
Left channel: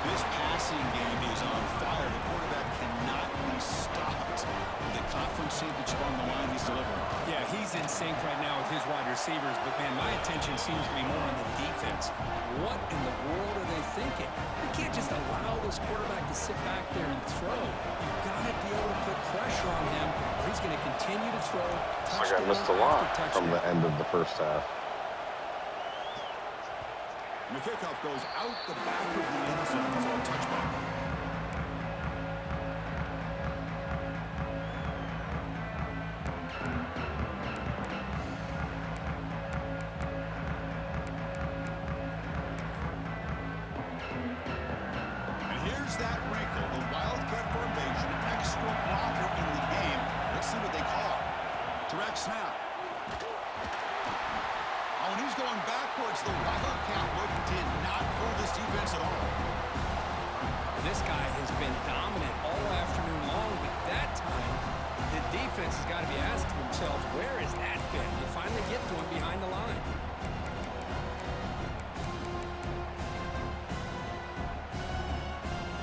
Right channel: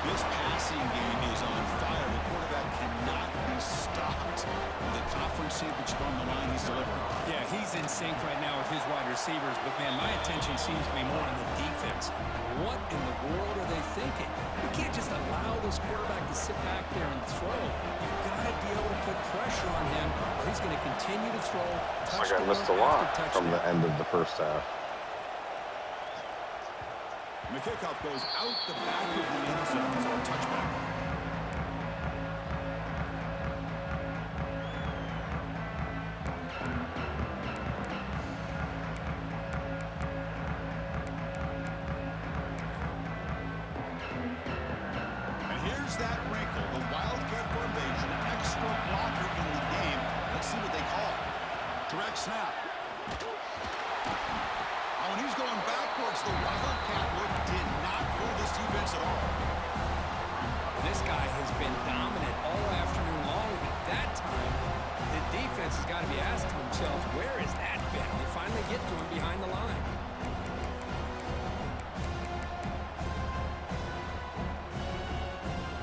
This passing game is on fire. The quarterback cannot be stopped. With the conference championship on the line, he's delivering. Yeah, he's in sync right now with his wide receivers, but, man, my attention seems to be more on the defense. What in the world are they thinking? You can't just allow this quarterback to sit back there and throw. You've got to be able to put pressure on him, or he's going to continue to throw touchdown I missed a lot after from the touchdown. end of the first half. The kickoff goes out the back of the end zone for a touchback. And here's that wrinkle, the Wildcat formation, extra blocker in the game. Let's see what they call. Direct snap. Oh, and he's going backwards. The Wildcat look did not fool this defense at all. This guy has been dominant all afternoon long, but that time, the defense has got to be asking themselves, where has that been? They finally get to him behind the line.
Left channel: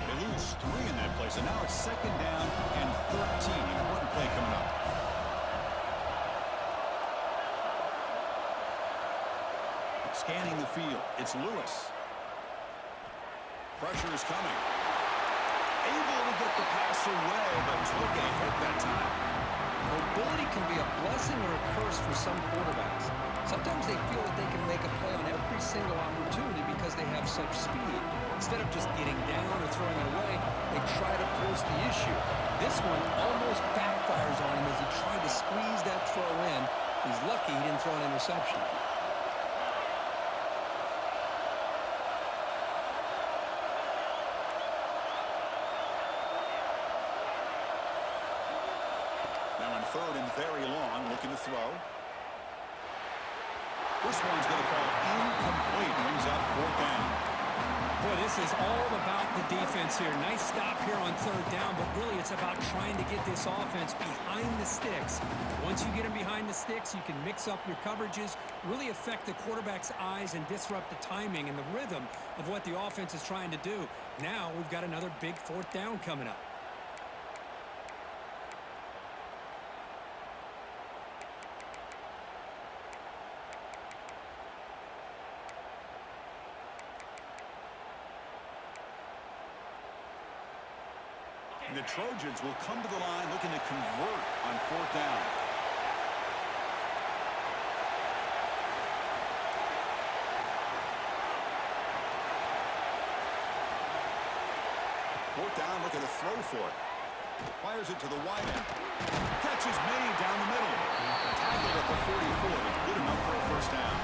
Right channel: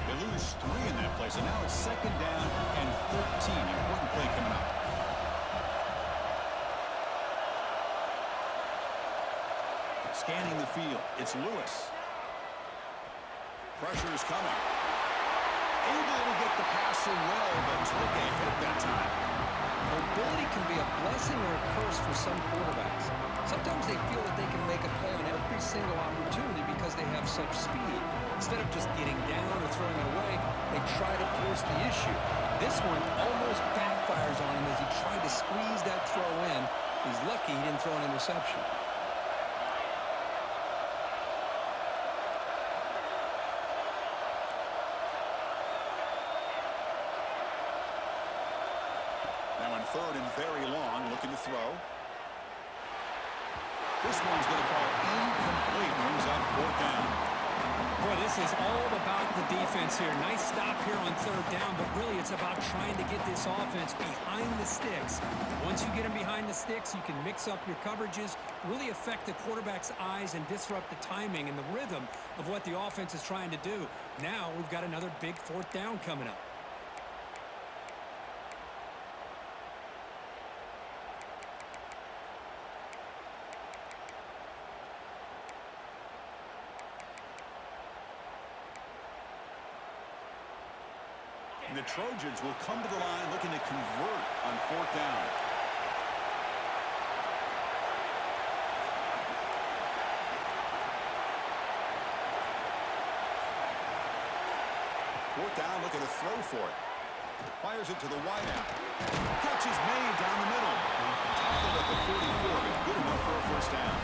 They lose 3 in that play, so now it's second down and 13. Important play coming up. Scanning the field, it's Lewis. Pressure is coming. Able to get the pass away, but took a hit that time. Mobility can be a blessing or a curse for some quarterbacks. Sometimes they feel that they can make a play on every single opportunity because they have such speed. Instead of just getting down or throwing it away, they try to force the issue. This one almost backfires on him as he tried to squeeze that throw in. He's lucky he didn't throw an interception. Now on third and very long, looking to throw. This one's going to fall incomplete. Brings up fourth down. Boy, this is all about the defense here. Nice stop here on third down, but really it's about trying to get this offense behind the sticks. Once you get them behind the sticks, you can mix up your coverages, really affect the quarterback's eyes and disrupt the timing and the rhythm of what the offense is trying to do. Now we've got another big fourth down coming up. And the Trojans will come to the line looking to convert on fourth down. Fourth down, looking to throw for it. Fires it to the wideout. Catch is made down the middle. Tackled at the 44, but good enough for a first down.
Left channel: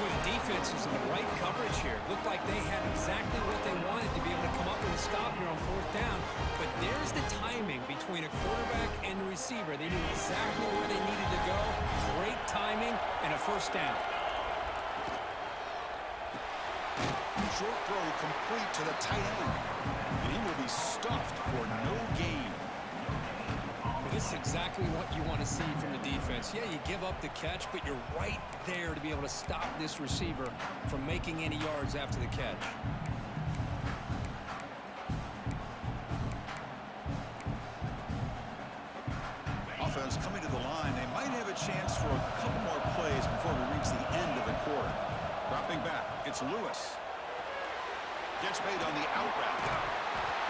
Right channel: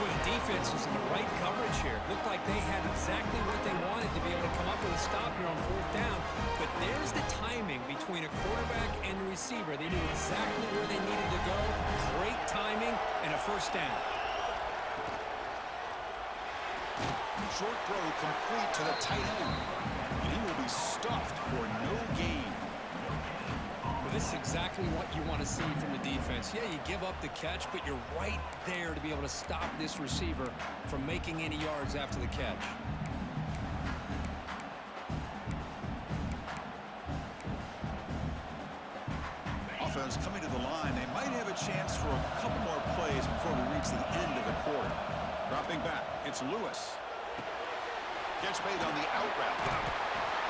Boy, the defense was in the right coverage here. Looked like they had exactly what they wanted to be able to come up with a stop here on fourth down. But there's the timing between a quarterback and the receiver. They knew exactly where they needed to go. Great timing and a first down. Short throw complete to the tight end. And he will be stuffed for no gain. This is exactly what you want to see from the defense. Yeah, you give up the catch, but you're right there to be able to stop this receiver from making any yards after the catch. Offense coming to the line. They might have a chance for a couple more plays before we reach the end of the quarter. Dropping back, it's Lewis. Catch made on the out route.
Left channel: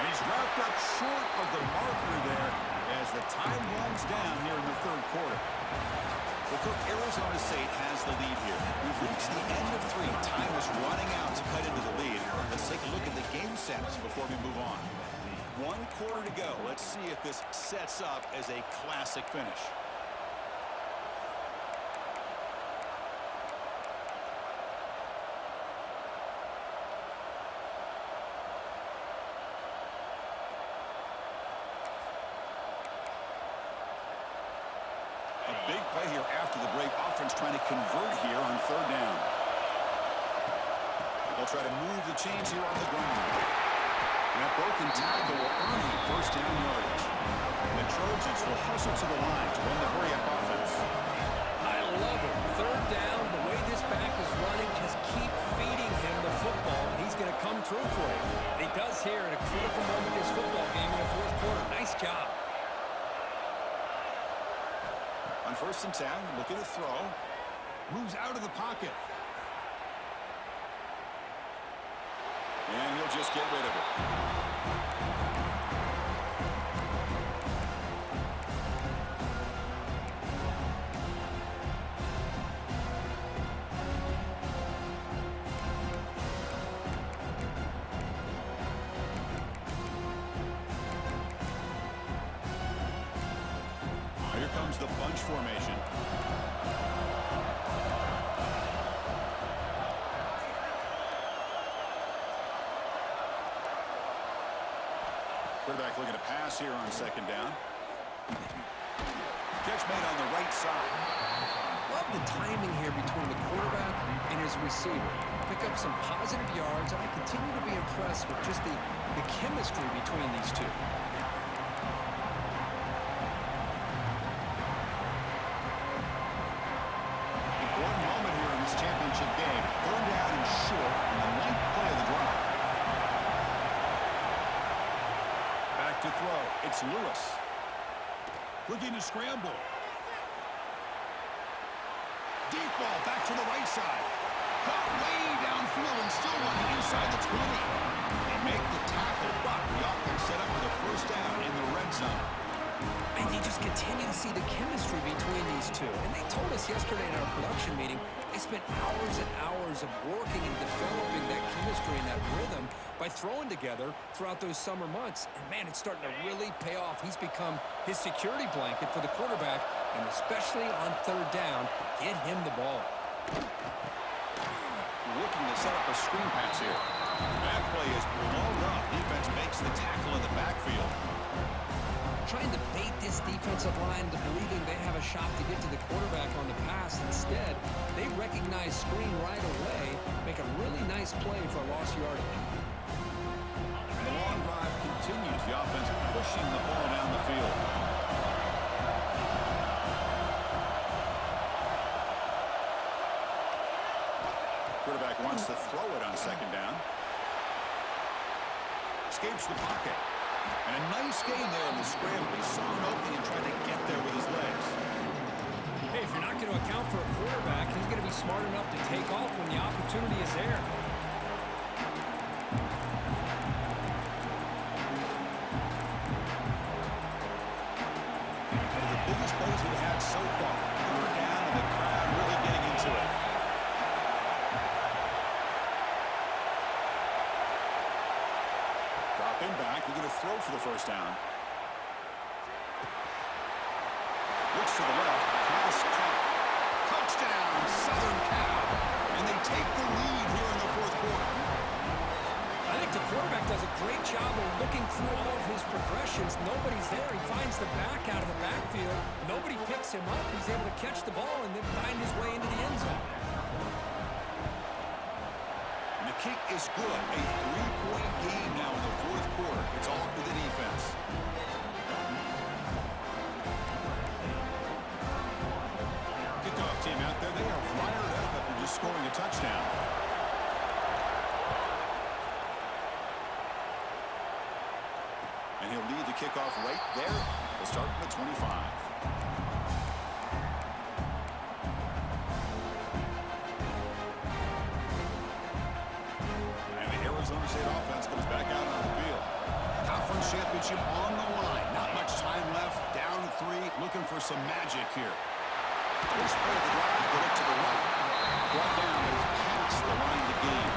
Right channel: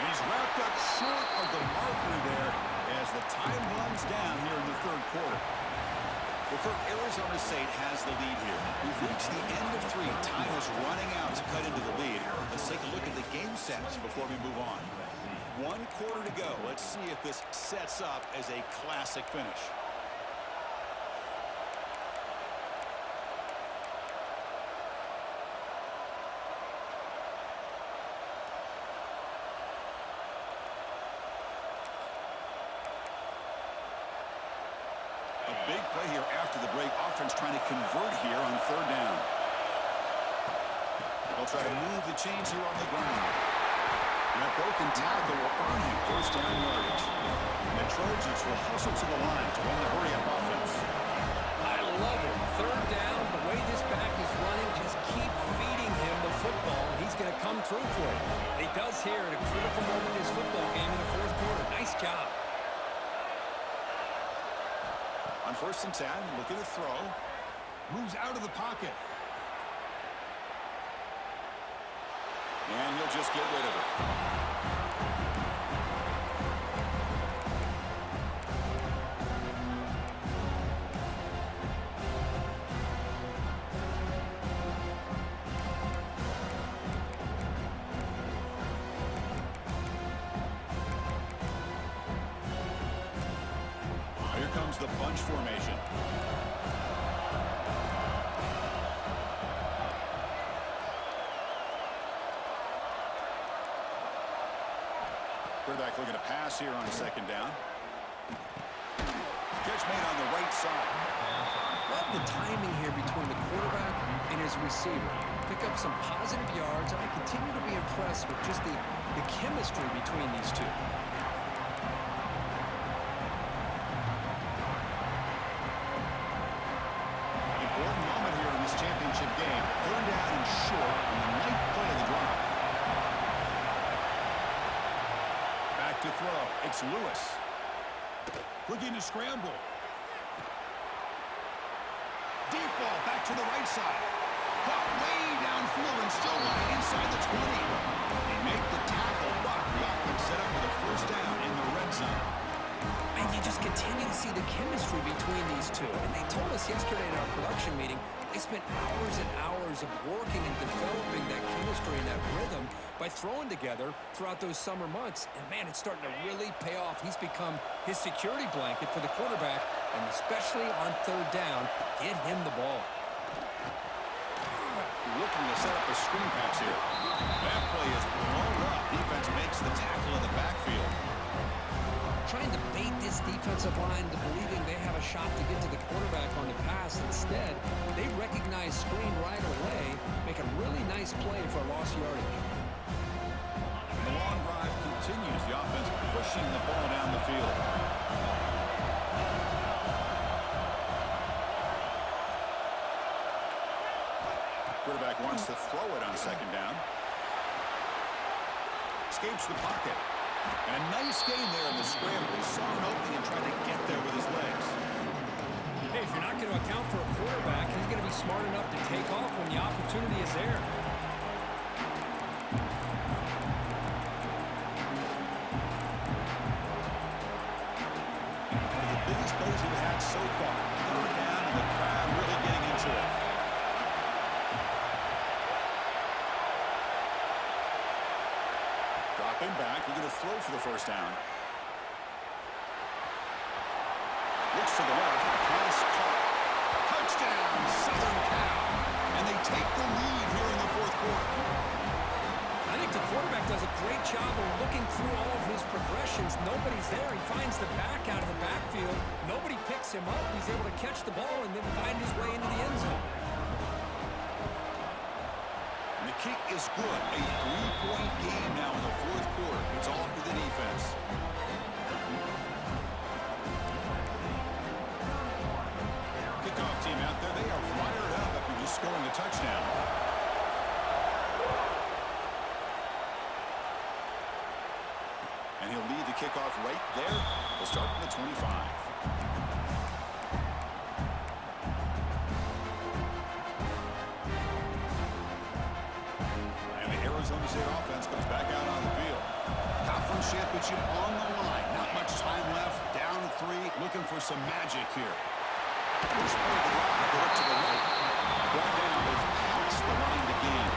And he's wrapped up short of the marker there as the time runs down here in the third quarter. Well, Kirk, Arizona State has the lead here. We've reached the end of 3. Time is running out to cut into the lead. Let's take a look at the game sets before we move on. 1 quarter to go. Let's see if this sets up as a classic finish. A big play here after the break. Offense trying to convert here on 3rd down. They'll try to move the chains here on the ground. And that broken tackle will earn him 1st down yardage. And the Trojans will hustle to the line to run the hurry-up offense. I love it. 3rd down, the way this back is running, just keep feeding him the football, and he's going to come through for you. And he does here at a critical moment in his football game in the 4th quarter. Nice job. On 1st and 10, looking to throw. Moves out of the pocket. And he'll just get rid of it. Here comes the bunch formation. Quarterback looking to pass here on 2nd down. Catch made on the right side. Love the timing here between the quarterback and his receiver. Pick up some positive yards, and I continue to be impressed with just the chemistry between these two. Important moment here in this championship game. 3rd down and short on the 9th play of the drive. Back to throw. It's Lewis. Looking to scramble. Deep ball back to the right side. Caught way downfield and still running inside the 20. They make the tackle, but the offense set up with a 1st down in the red zone. And you just continue to see the chemistry between these two. And they told us yesterday in our production meeting, they spent hours and hours of working and developing that chemistry and that rhythm by throwing together throughout those summer months. And, man, it's starting to really pay off. He's become his security blanket for the quarterback, and especially on 3rd down, get him the ball. Looking to set up a screen pass here. That play is blown up. Defense makes the tackle in the backfield. Trying to bait this defensive line into believing they have a shot to get to the quarterback on the pass. Instead, they recognize screen right away, make a really nice play for a lost yardage. The long drive continues. The offense pushing the ball down the field. Quarterback wants to throw it on 2nd down. Escapes the pocket. And a nice gain there in the scramble. He saw an opening and tried to get there with his legs. Hey, if you're not going to account for a quarterback, he's going to be smart enough to take off when the opportunity is there. One of the biggest plays we've had so far. 3rd down and the crowd really getting into it. Dropping back, you're going to throw for the 1st down. Looks to the left, pass caught. Touchdown, Southern Cal. And they take the lead here in the 4th quarter. I think the quarterback does a great job of looking through all of his progressions. Nobody's there. He finds the back out of the backfield. Nobody picks him up. He's able to catch the ball and then find his way into the end zone. And the kick is good. A 3-point game now in the 4th quarter. It's all up to the defense. kickoff team out there, they are fired up after just scoring a touchdown. And he'll lead the kickoff right there. We'll start from the 25. And the Arizona State offense comes back out on the field. Conference championship on the line. Not much time left. Down 3. Looking for some magic here. First play of the drive. They look to the right. Brought down is past the line to gain.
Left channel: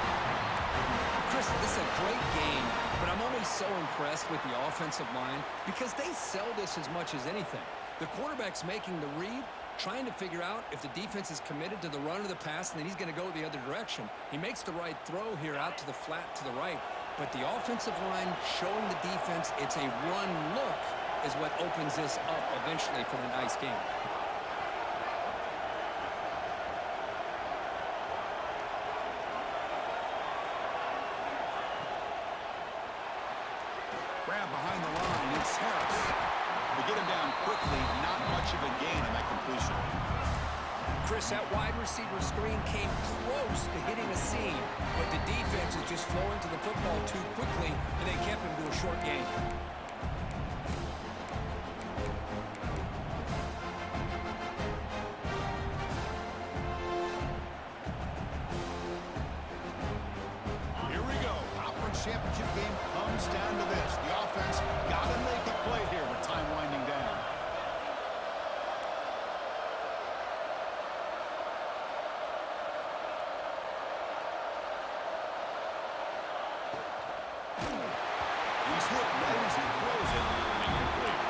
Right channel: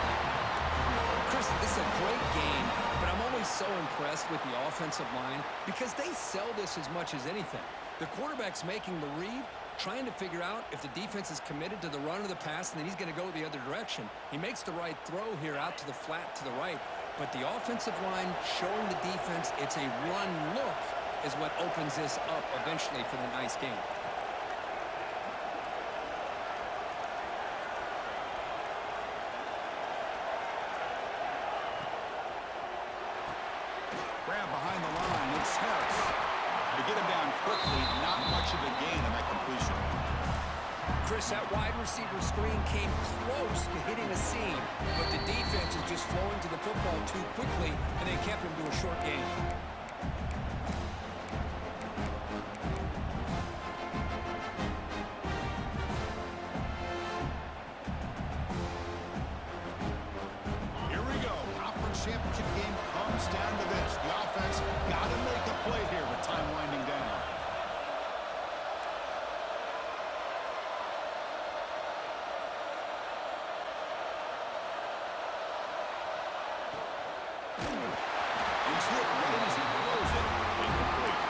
Chris, this is a great game, but I'm always so impressed with the offensive line because they sell this as much as anything. The quarterback's making the read, trying to figure out if the defense is committed to the run or the pass, and then he's going to go the other direction. He makes the right throw here out to the flat to the right, but the offensive line showing the defense it's a run look is what opens this up eventually for the nice game. Grab behind the line. It's Harris. To get him down quickly, not much of a gain on that completion. Chris, that wide receiver screen came close to hitting a seam, but the defense is just flowing to the football too quickly, and they kept him to a short gain. Championship game comes down to this. The offense got to make a play here with time winding down. He's hit right as he throws it. Incomplete.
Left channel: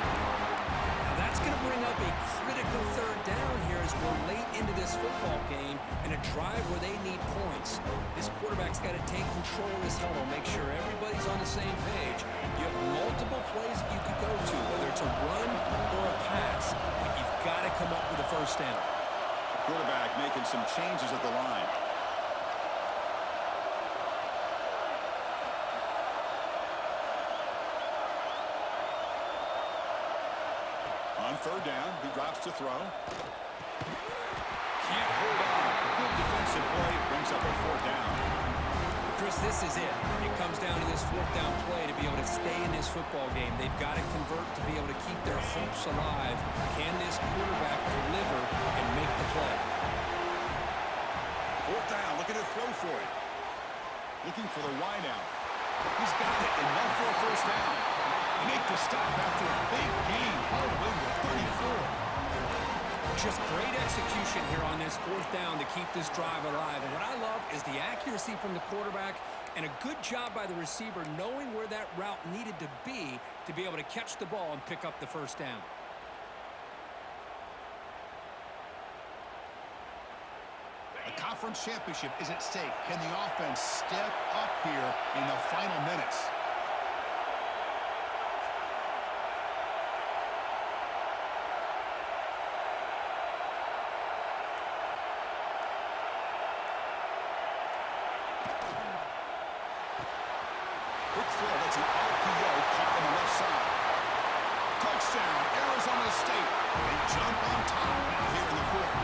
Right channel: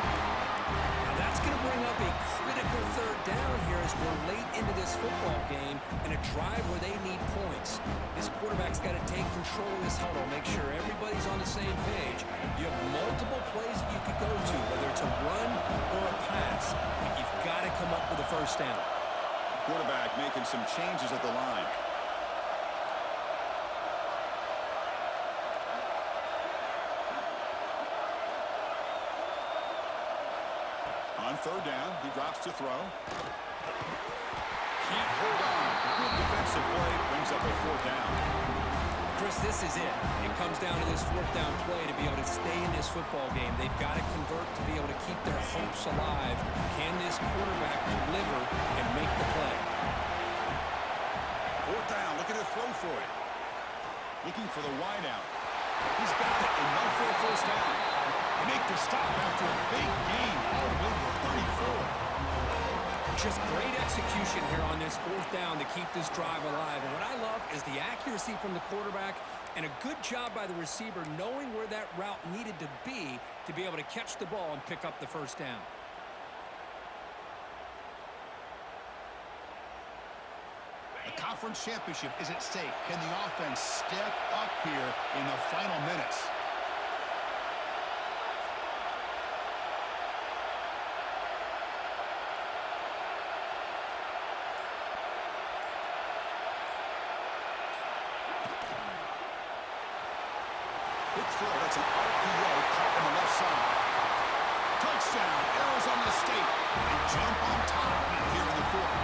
Now that's going to bring up a critical third down here as we're late into this football game and a drive where they need points. This quarterback's got to take control of this huddle, make sure everybody's on the same page. You have multiple plays that you could go to, whether it's a run or a pass, but you've got to come up with a first down. Quarterback making some changes at the line. On third down, he drops to throw. Can't hold on. Good defensive play brings up a fourth down. Chris, this is it. It comes down to this fourth down play to be able to stay in this football game. They've got to convert to be able to keep their hopes alive. Can this quarterback deliver and make the play? Fourth down, looking to throw for it. Looking for the wide out. He's got it, enough for a first down. They make the stop after a big gain all the way to 34. Just great execution here on this fourth down to keep this drive alive. And what I love is the accuracy from the quarterback and a good job by the receiver knowing where that route needed to be able to catch the ball and pick up the first down. A conference championship is at stake. Can the offense step up here in the final minutes? Quick throw, that's an RPO caught in the left side. Touchdown, Arizona State. They jump on top now here in the fourth.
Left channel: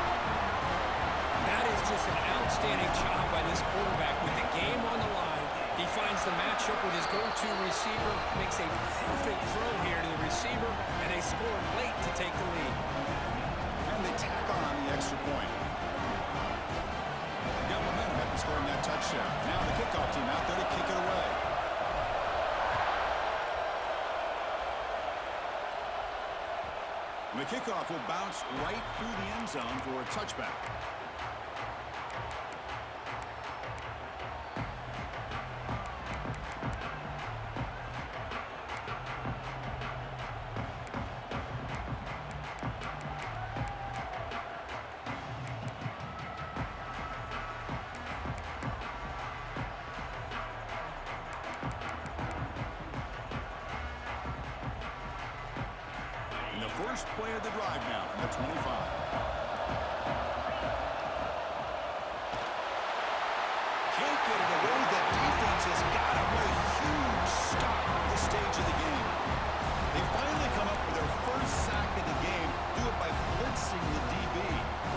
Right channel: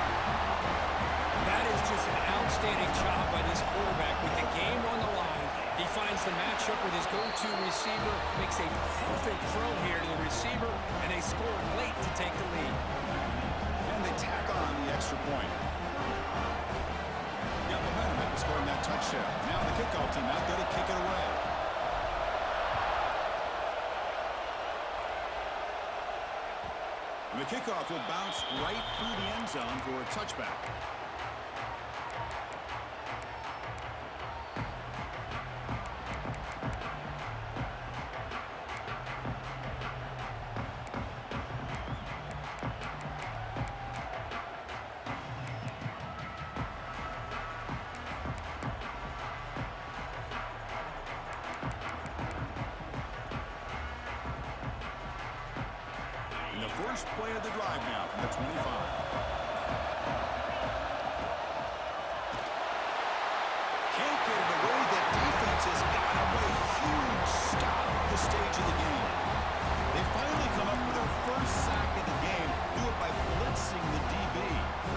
That is just an outstanding job by this quarterback with the game on the line. He finds the matchup with his go-to receiver, makes a perfect throw here to the receiver, and they score late to take the lead. And they tack on the extra point. Got momentum after scoring that touchdown. Now the kickoff team out there to kick it away. The kickoff will bounce right through the end zone for a touchback. First play of the drive now from the 25. Can't get it away. The defense has got him. What a huge stop at this stage of the game. They finally come up with their first sack of the game. Do it by blitzing the DB.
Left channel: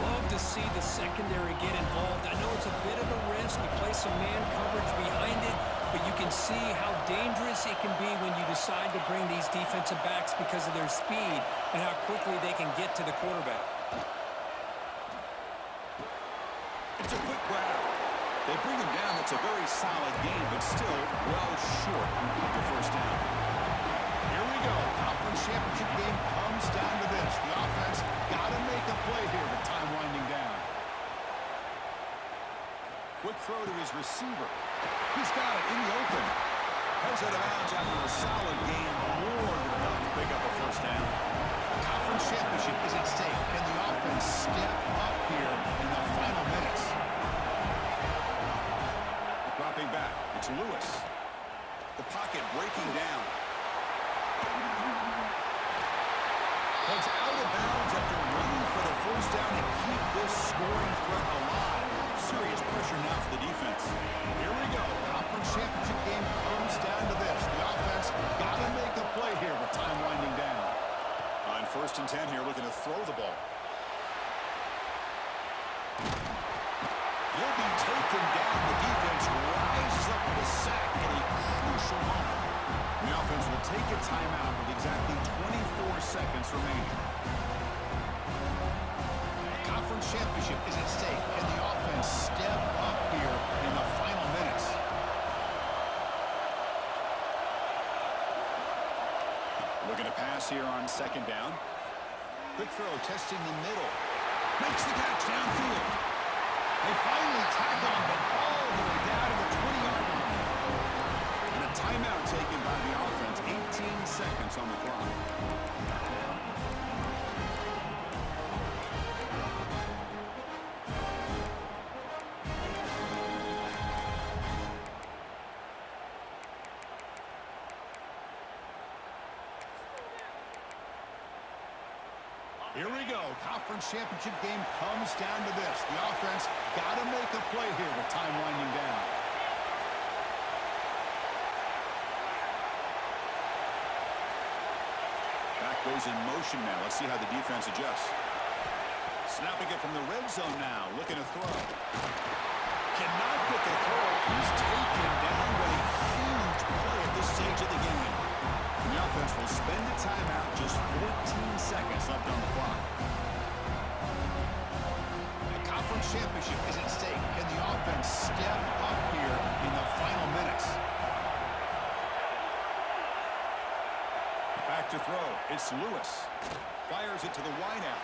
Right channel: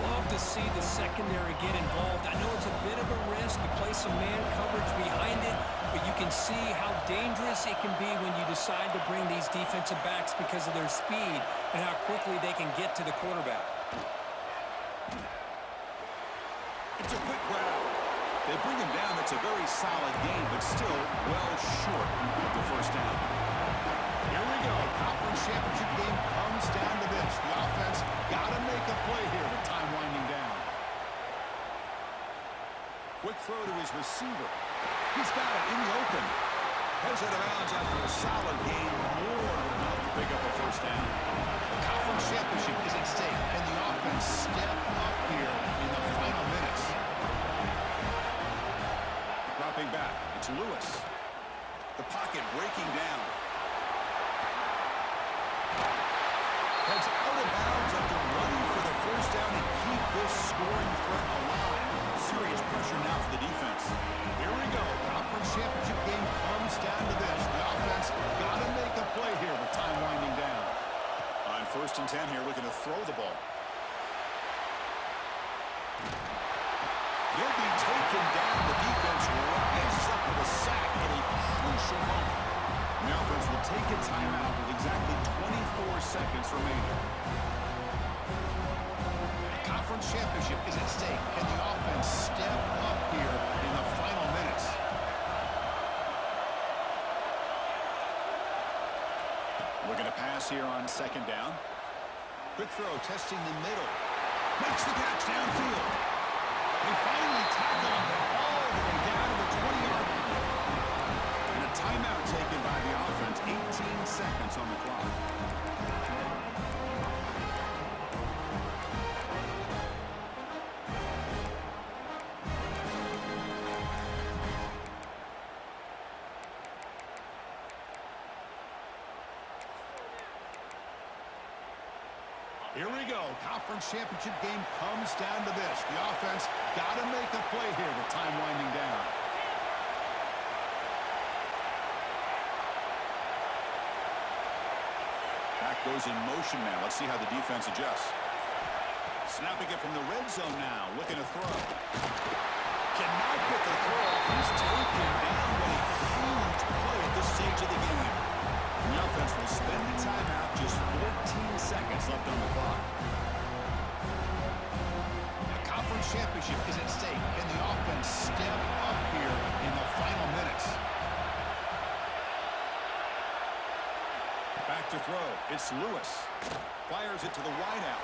Love to see the secondary get involved. I know it's a bit of a risk. You play some man coverage behind it, but you can see how dangerous it can be when you decide to bring these defensive backs because of their speed and how quickly they can get to the quarterback. It's a quick grab. They bring him down. That's a very solid game, but still well short of the first down. Here we go. Conference championship game comes down to this. The offense got to make a play here with time winding down. Quick throw to his receiver. He's got it in the open. Heads out of bounds after a solid game, more than enough to pick up a first down. The conference championship is at stake. Can the offense step up here in the final minutes? Dropping back. It's Lewis. The pocket breaking down. Heads out of bounds after running for the first down and keep this scoring threat alive. Serious pressure now for the defense. Here we go. Conference championship game comes down to this. The offense got to make a play here with time winding down. On 1st and 10 here, looking to throw the ball. He'll be taken down. The defense rises up with a sack at a crucial moment. The offense will take a timeout with exactly 24 seconds remaining. The conference championship is at stake. Can the offense step up here in the final minutes? Looking to pass here on 2nd down. Quick throw, testing the middle. Makes the catch downfield. They finally tackle him, but all the way down to the 20-yard line. And a timeout taken by the offense. 18 seconds on the clock. Here we go. Conference championship game comes down to this. The offense got to make a play here with time winding down. Back goes in motion now. Let's see how the defense adjusts. Snapping it from the red zone now. Looking to throw. Cannot get the throw. He's taken down. What a huge play at this stage of the game. And the offense will spend a timeout. Just 14 seconds left on the clock. The conference championship is at stake. Can the offense step up here in the final minutes? Back to throw. It's Lewis. Fires it to the wideout.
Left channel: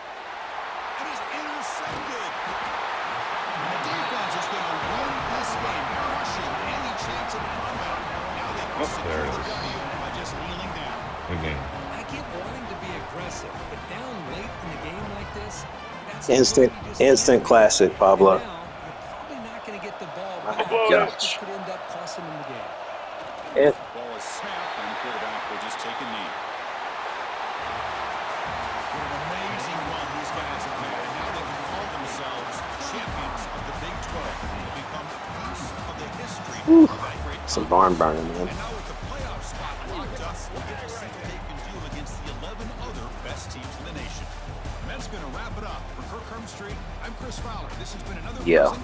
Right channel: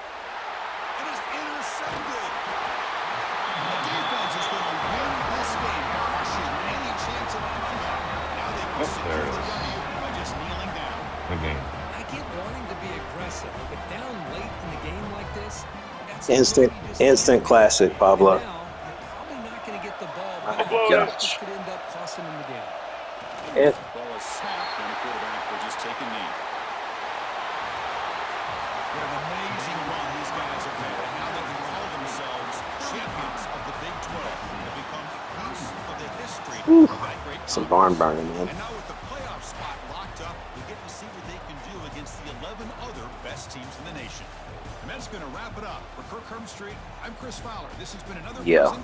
And is intercepted. The defense is going to win this game, crushing any chance of a comeback. Now they can secure the W by just kneeling down. Again. I get wanting to be aggressive, but down late in the game like this, that's Instant classic, Pablo. And now, you're probably not going to get the ball My back. gosh. This could end up costing them the game. It, Ball is snapped, and the quarterback will just take a knee. What an amazing run these guys have had, and now they can call themselves champions of the Big 12 and become a piece of the history of that great some conference. barn burning, man. And now with the playoff spot locked up, we'll get to see what they can do against the 11 other best teams in the nation. And that's going to wrap it up. For Kirk Hermstreet, I'm Chris Fowler. This has been another Yeah. presentation.